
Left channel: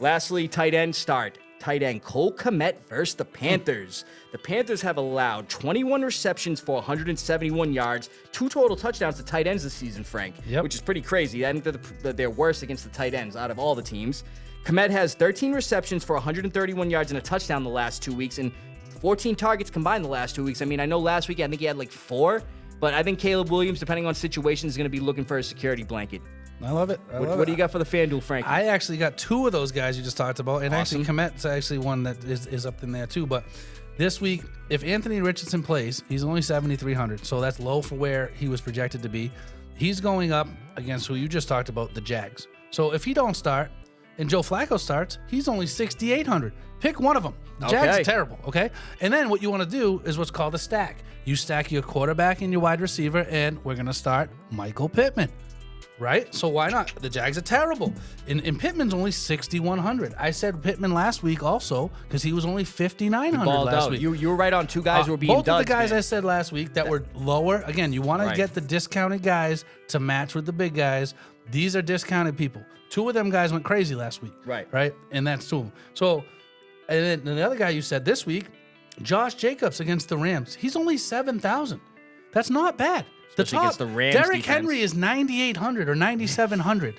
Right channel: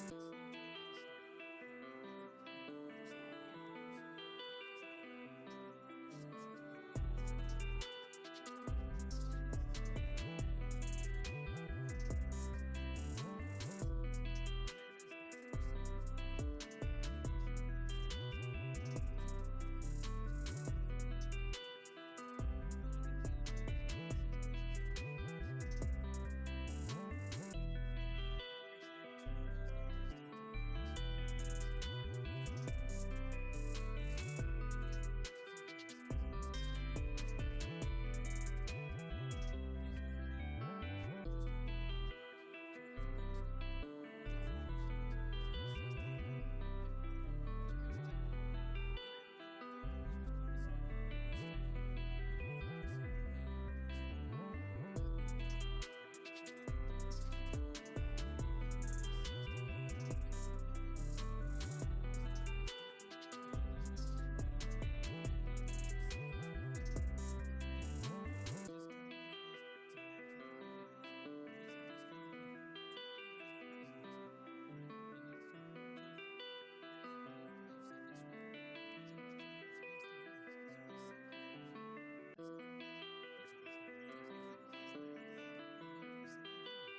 Lastly, tight end start. Tight end Cole Kmet versus the Panthers. The Panthers have allowed 21 receptions for 171 yards, 2 total touchdowns to tight ends this season, Frank, Yep. which is pretty crazy. I think that they're worse against the tight ends out of all the teams. Kmet has 13 receptions for 131 yards and a touchdown the last 2 weeks, and 14 targets combined the last 2 weeks. I mean, I know last week I think he had like 4, but I think Caleb Williams, depending on situation, is going to be looking for a security blanket. I love it. What do you got for the FanDuel, Frank? I actually got 2 of those guys you just talked about, and Awesome. actually Komet's actually one that is up in there too. But this week, if Anthony Richardson plays, he's only 7,300, so that's low for where he was projected to be. He's going up against who you just talked about, the Jags. So if he don't start and Joe Flacco starts, he's only 6,800. Pick one of them. The Jags Okay. are terrible, okay? And then what you want to do is what's called a stack. You stack your quarterback and your wide receiver, and we're going to start Michael Pittman. Right? So why not? The Jags are terrible. And Pittman's only 6,100. I said Pittman last week also because he was only 5,900 Balled last out. week. You were right on 2 guys who were being Both of the duds, guys man. I said last week that were lower. Again, you want Right. to get the discounted guys to match with the big guys. These are discounted people. 2 of them guys went crazy last week. Right. And that's 2 of them. So, and then the other guy you said this week, Josh Jacobs against the Rams. He's only 7,000. That's not bad. Especially against the Rams Derrick defense. Henry is 9,800 or 9,700.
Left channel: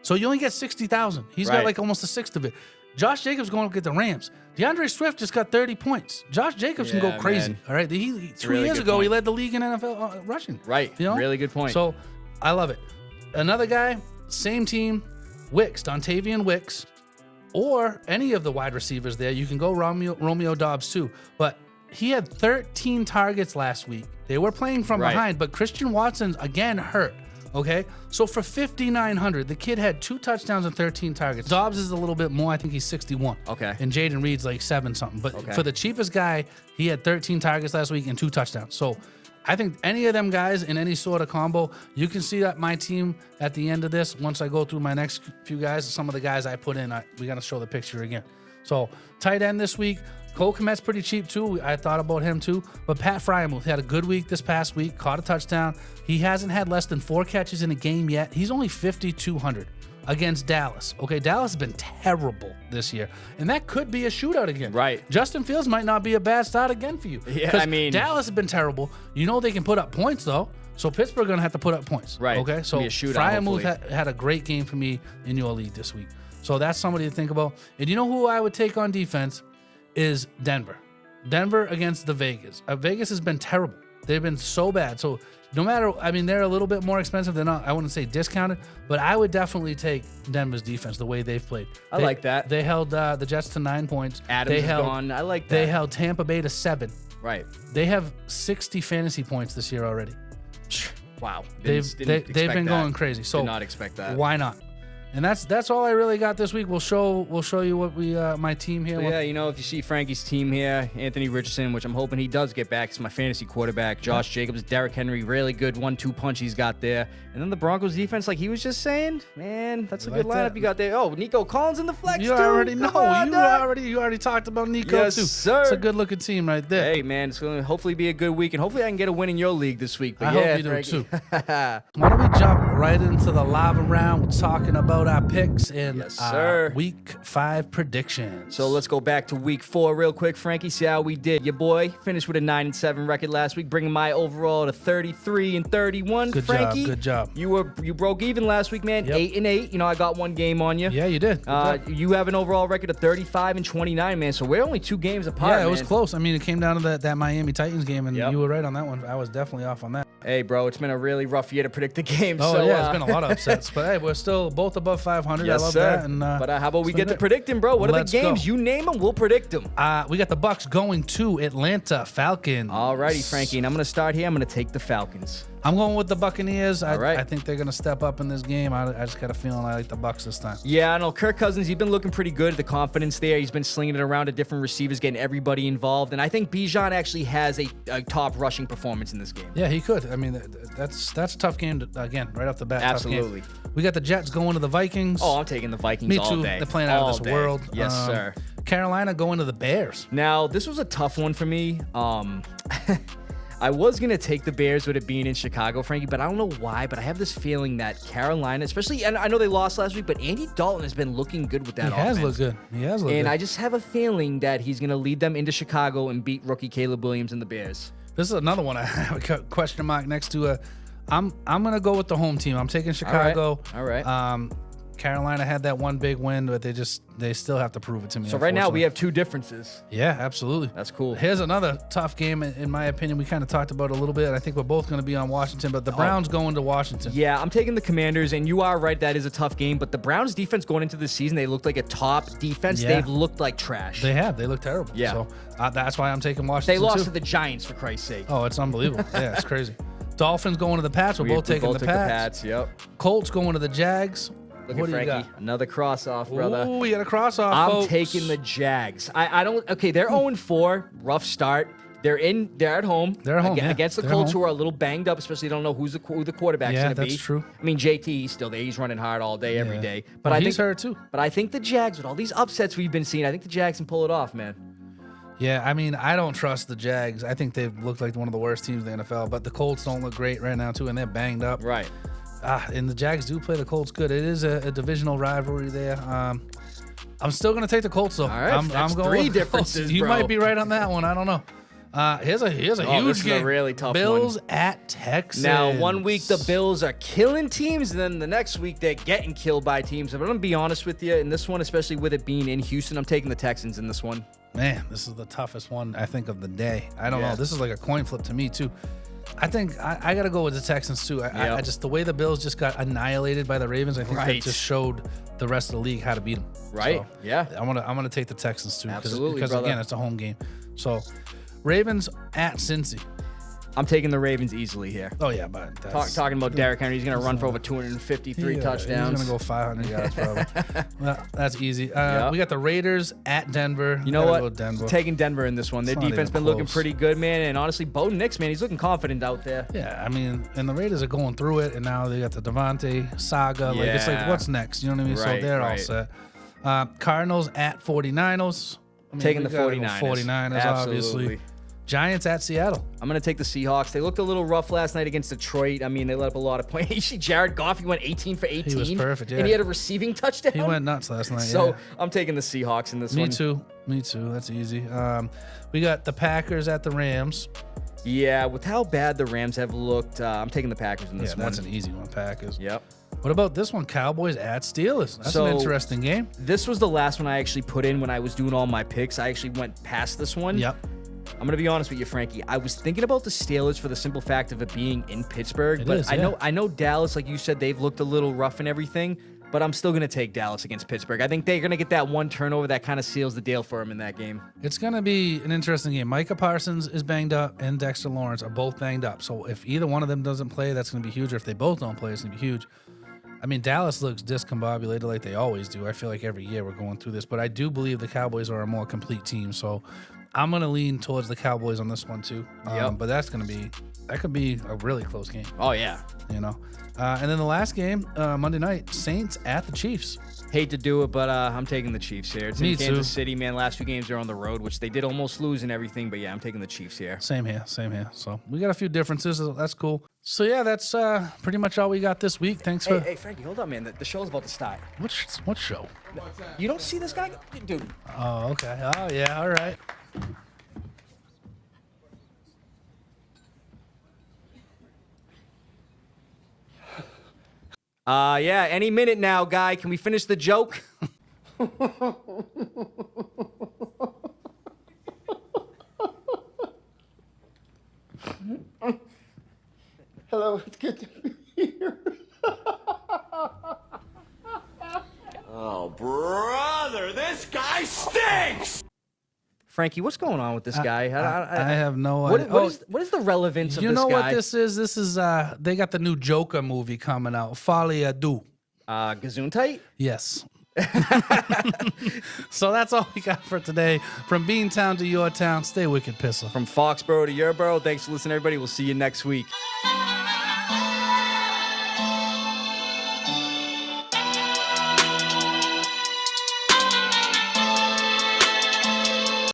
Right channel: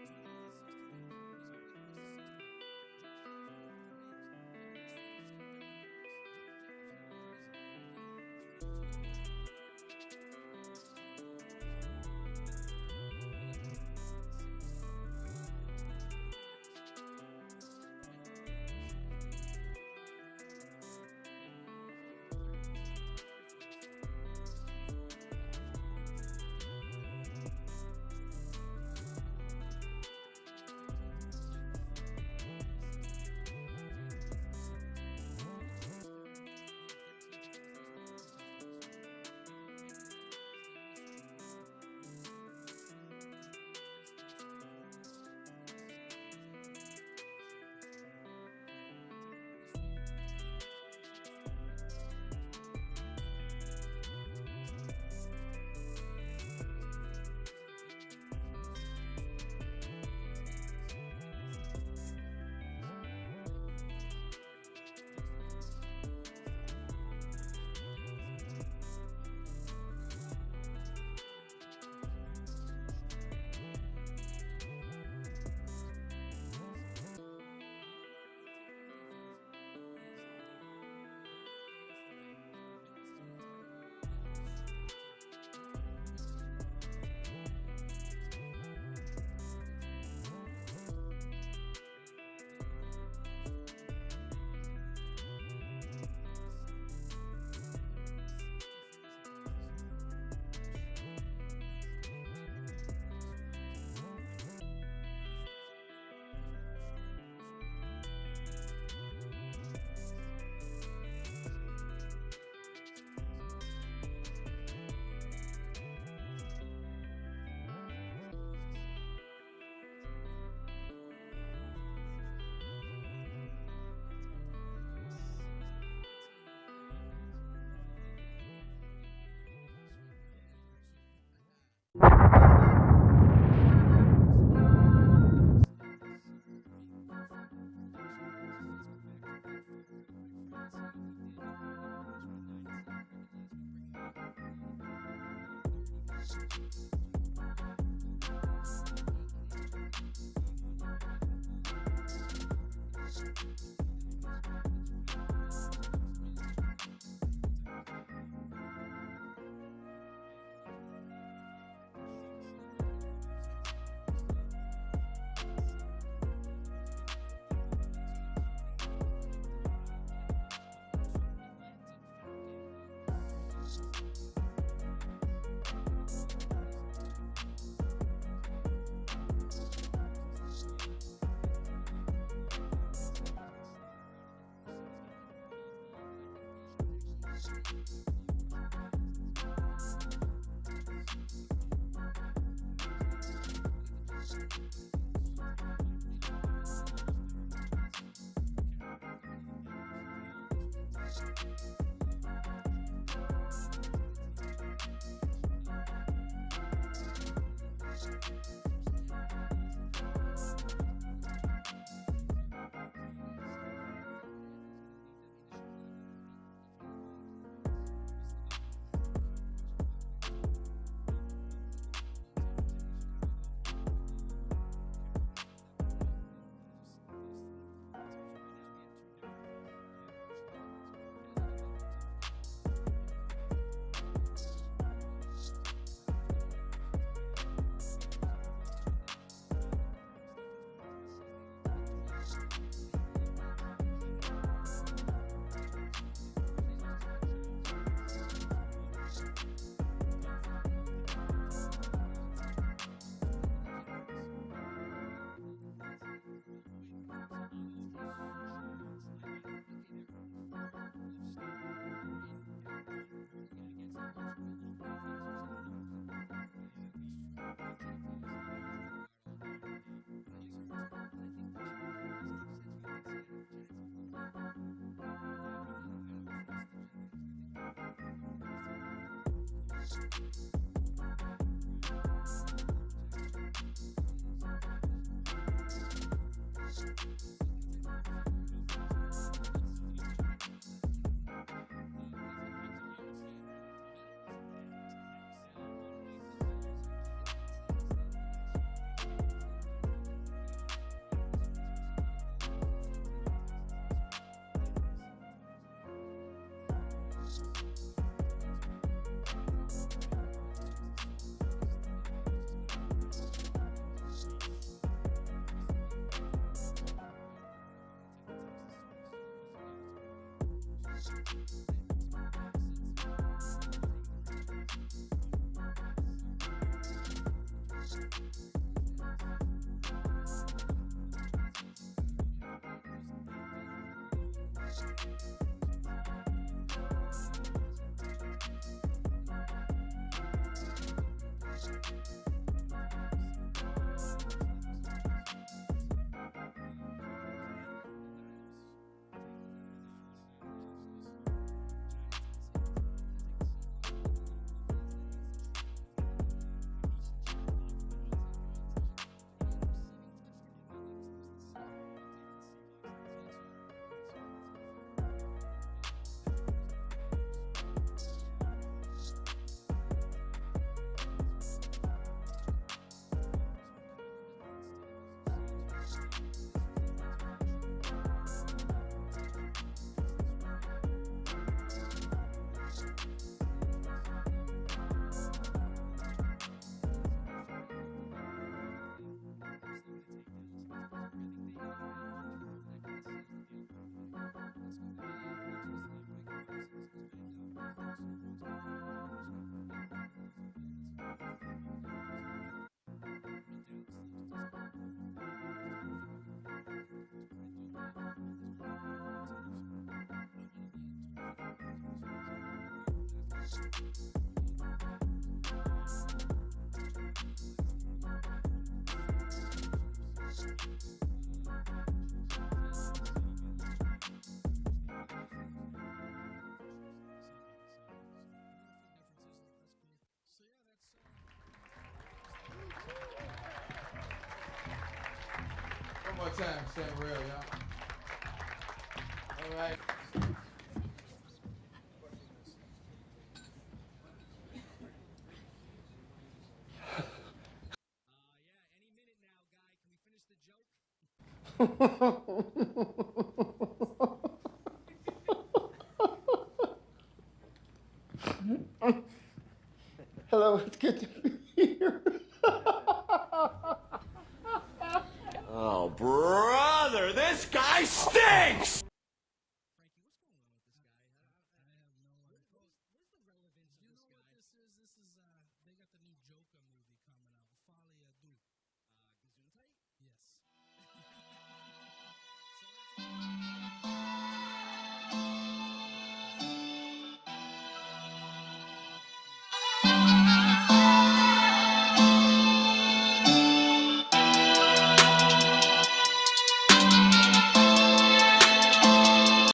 So you only get 60,000. He's got Right. like almost a sixth of it. Josh Jacobs going to get the Rams. DeAndre Swift just got 30 points. Josh Jacobs can go Yeah, crazy. man. All right. 2 really years good ago, he point. led the league in NFL rushing. Right. You know? Really good point. So I love it. Another guy, same team, Wicks, Dontavian Wicks, or any of the wide receivers there. You can go Romeo Dobbs too. But he had 13 targets last week. They were playing from Right. behind, but Christian Watson again hurt. Okay, so for 5,900, the kid had 2 touchdowns and 13 targets. Dobbs is a little bit more. I think he's 61. Okay. And Jaden Reed's like 7 something. But for the cheapest guy, he had 13 targets last week and 2 touchdowns. So I think any of them guys in any sort of combo, you can see that my team at the end of this, once I go through my next few guys, some of the guys I put in, we got to show the picture again. So tight end this week, Cole Kmet's pretty cheap too. I thought about him too. But Pat Fryermuth had a good week this past week, caught a touchdown. He hasn't had less than 4 catches in a game yet. He's only 5,200 against Dallas. Okay, Dallas has been terrible this year. And that could be a shootout again. Right. Justin Fields might not be a bad start again for you. Yeah, 'Cause I mean- Dallas has been terrible. You know they can put up points though. So Pittsburgh going to have to put up points. Right. Okay, It's so gonna be a shootout, Fryermuth hopefully. had a great game for me in your league this week. So that's somebody to think about. And you know who I would take on defense is Denver. Denver against the Vegas. Vegas has been terrible. They've been so bad. So no matter, I mean, they're a little bit more expensive. They're not, I wouldn't say discounted, but I would definitely take Denver's defense the way they've played. I like that. They held the Jets to 9 points. Adams they is held, gone. I like that. They held Tampa Bay to 7. Right. They have 60 fantasy points this year already. Wow. They've Didn't been expect going that. crazy. So Did not expect that. why not? And that's all I really got this week. We'll show you what we my team here. So yeah, you know, if you see Frankie's team here, Anthony Richardson, which I'm hoping he does get back. He's my fantasy quarterback. Josh Jacobs, Derrick Henry, really good 1-2 punch he's got there. And then the Broncos defense, like he was just saying, man, that's a good lineup you got there. Oh, Nico Collins in the flex You too. already know. On, You already talked about Nico yes, too. sir. It's a good looking team right there. Hey man, it's going to hopefully be a good week, and hopefully I can get a win in your league this week. But I yeah, hope you do Frankie. too. Why don't we jump right into the lava round, talking about our picks and week 5 predictions. So let's go back to week 4 real quick, Frankie. See how we did. Your boy finished with a 9-7 record last week, bringing my overall to 33-31. Good Frankie, job. Good job. You broke even last week, man. Yep. 8-8. You know, I got one game on you. Yeah, you did. You have an overall record of 35-29, man. So we're only 2 games apart. Yeah, it was close. I mean, it came down to that Miami Titans game, and Yep. you were right on that one. I was definitely off on that. Hey, bro, it's been a really rough year to predict the games. Oh, so, yeah, it's been a lot of upsets. But, hey, we're still both above 500. Yes, I love sir. that. And, but how about we get to great. predicting, bro? What are Let's the games? go. You name them, we'll predict them. We got the Bucks going to Atlanta Falcons. Alrighty, Frankie, and I'm going to start here. I'm going to take the Falcons. I'm going with the Buccaneers. right. I think they're going to step up in this game. I just got a feeling I like the Bucks this time. Yeah, I know. Kirk Cousins, he's been looking pretty good. The confidence there. He's been slinging it around to different receivers, getting everybody involved. And I think Bijan actually has a top rushing performance in this game. Yeah, he could. I mean, that's a tough game, again, right off the bat. Absolutely. Tough game. We got the Jets going to the Vikings. Oh, I'm taking the Vikings Me all too. day. They're playing out of this world. Yes, sir. Carolina going to the Bears. Now, this was a tough one for me. I was going to take the Bears with it being in Chicago, Frankie, but I don't know why, but I have this feeling that Carolina, especially, and I know they lost last week, but Andy Dalton has been looking good with that offense. He has looked good. And I just have a feeling that he's going to lead them into Chicago and beat rookie Caleb Williams and the Bears. This is another one I have a question mark next to. I'm going to go with the home team. I'm taking Chicago. All right. Carolina had that one big win, but they still have to prove it to me. So right now we have 2 differences. Yeah, absolutely. That's cool. Here's another tough game, in my opinion. We kind of talked about it a little bit. I think we're both going to be on Washington, but the Browns going to Washington. Yeah, I'm taking the Commanders, and you are right. That is a tough game. But the Browns defense going into the season, they looked like a top defense. Yeah. They've looked like trash. They have. They look terrible. Yeah. So that's why I'm taking Washington. They lost too. to the Giants, for Christ's sake. Oh, it's unbelievable. Yeah, it's crazy. Dolphins going to the Pats. We're both taking the Pats. Yep. Colts going to the Jags. Look What at do you Frankie. got? Another cross-off, brother. Ooh, we got a cross-off, I'm folks. taking the Jags. I don't. Okay, they're 0-4. Rough start. They're at home. They're at home, yeah. Against the They're Colts, home. who are a little banged up, especially they don't know who the quarterback's Yeah, going to be. that's true. I mean, JT, he's still there. He's running hard all day, every day. But Well, I he's think hurt too. But I think the Jags, with all these upsets we've been seeing, I think the Jags can pull it off, man. Yeah, I mean, I don't trust the Jags. I think they've looked like one of the worst teams in the NFL, but the Colts don't look great right now, too, and they're banged up. Right. And the Jags do play the Colts good. It is a divisional rivalry there. I'm still going to take the Colts, though. All right, I'm that's going 3 with the differences, Colts. You bro. might be right on that one. I don't know. Here's a huge this is game. a really tough Bills one. at Texans. Now, one week the Bills are killing teams, and then the next week they're getting killed by teams. But I'm going to be honest with you, in this one, especially with it being in Houston, I'm taking the Texans in this one. Man, this is the toughest one, I think, of the day. I don't Yeah. know. This is like a coin flip to me, too. I think I got to go with the Texans, too. I just, the way the Bills just got annihilated by the Ravens, I think that Right. just showed the rest of the league how to beat them. Right? So, Yeah. I'm gonna take the Texans, too. Absolutely, because brother. again, it's a home game. So, Ravens at Cincy. I'm taking the Ravens easily here. Oh, yeah, but that's... Talking about Derrick Henry, he's going to run for over 253 touchdowns. He's going to go 500 yards, probably. Well, that's easy. We got the Raiders at Denver. You know Gotta what? go Denver. Taking Denver in this one. Their It's not defense even been looking close. pretty good, man. And honestly, Bo Nix, man, he's looking confident out there. Yeah, I mean, and the Raiders are going through it, and now they got the Devontae saga. Like, it's like, Yeah. what's next? You know what I mean? Right, So they're all right. set. Cardinals at 49ers. I mean, Taking we the gotta go 49ers. 49ers, obviously. Absolutely. Giants at Seattle. I'm going to take the Seahawks. They looked a little rough last night against Detroit. I mean, they let up a lot of points. You see Jared Goff, he went 18 for 18. He was perfect, yeah. And he had a receiving touchdown. He went nuts last night. So yeah. I'm taking the Seahawks in this Me one. too. Me too. That's easy. We got the Packers at the Rams. Yeah, with how bad the Rams have looked, I'm taking the Packers in this Yeah, one. that's an easy one, Packers. Yep. What about this one? Cowboys at Steelers. That's So- an interesting game. This was the last one I actually put in when I was doing all my picks. I actually went past this one. Yep. I'm going to be honest with you, Frankie. I was thinking about the Steelers for the simple fact of it being in Pittsburgh. It but is, I yeah. know Dallas, like you said, they've looked a little rough and everything. But I'm still going to take Dallas against Pittsburgh. I think they're going to get that one turnover that kind of seals the deal for them in that game. It's going to be an interesting game. Micah Parsons is banged up and Dexter Lawrence are both banged up. So if either one of them doesn't play, that's going to be huge. Or if they both don't play, it's going to be huge. I mean, Dallas looks discombobulated like they always do. I feel like every year we're going through this, but I do believe the Cowboys are a more complete team. So I'm going to lean towards the Cowboys on this one too. But that could be a really close game. Oh, yeah. You know? And then the last game, Monday night, Saints at the Chiefs. Hate to do it, but I'm taking the Chiefs here. It's Me in Kansas too. City, man. Last 2 games are on the road, which they did almost lose and everything. But, yeah, I'm taking the Chiefs here. Same here. So we got a few differences. So that's cool. So, yeah, that's pretty much all we got this week. Thanks for... Hey, Frankie, hold on, man. The show's about to start. What show? You don't see this guy? Dude. Oh, okay. Oh, yeah. All right. Yeah, any minute now, guy. Can we finish the joke? Hello, it's good to be here. Oh, brother, this guy stinks! Frankie, what's going on with this guy? I have no idea. What is the relevance of You this guy? know what this is? This is they got the new Joker movie coming out. Folie à deux. Gesundheit? Yes. So that's all we got for today. From Beantown to your town, stay wicked, Pissah. From Foxboro to your borough. Thanks for listening, everybody. We'll see you next week.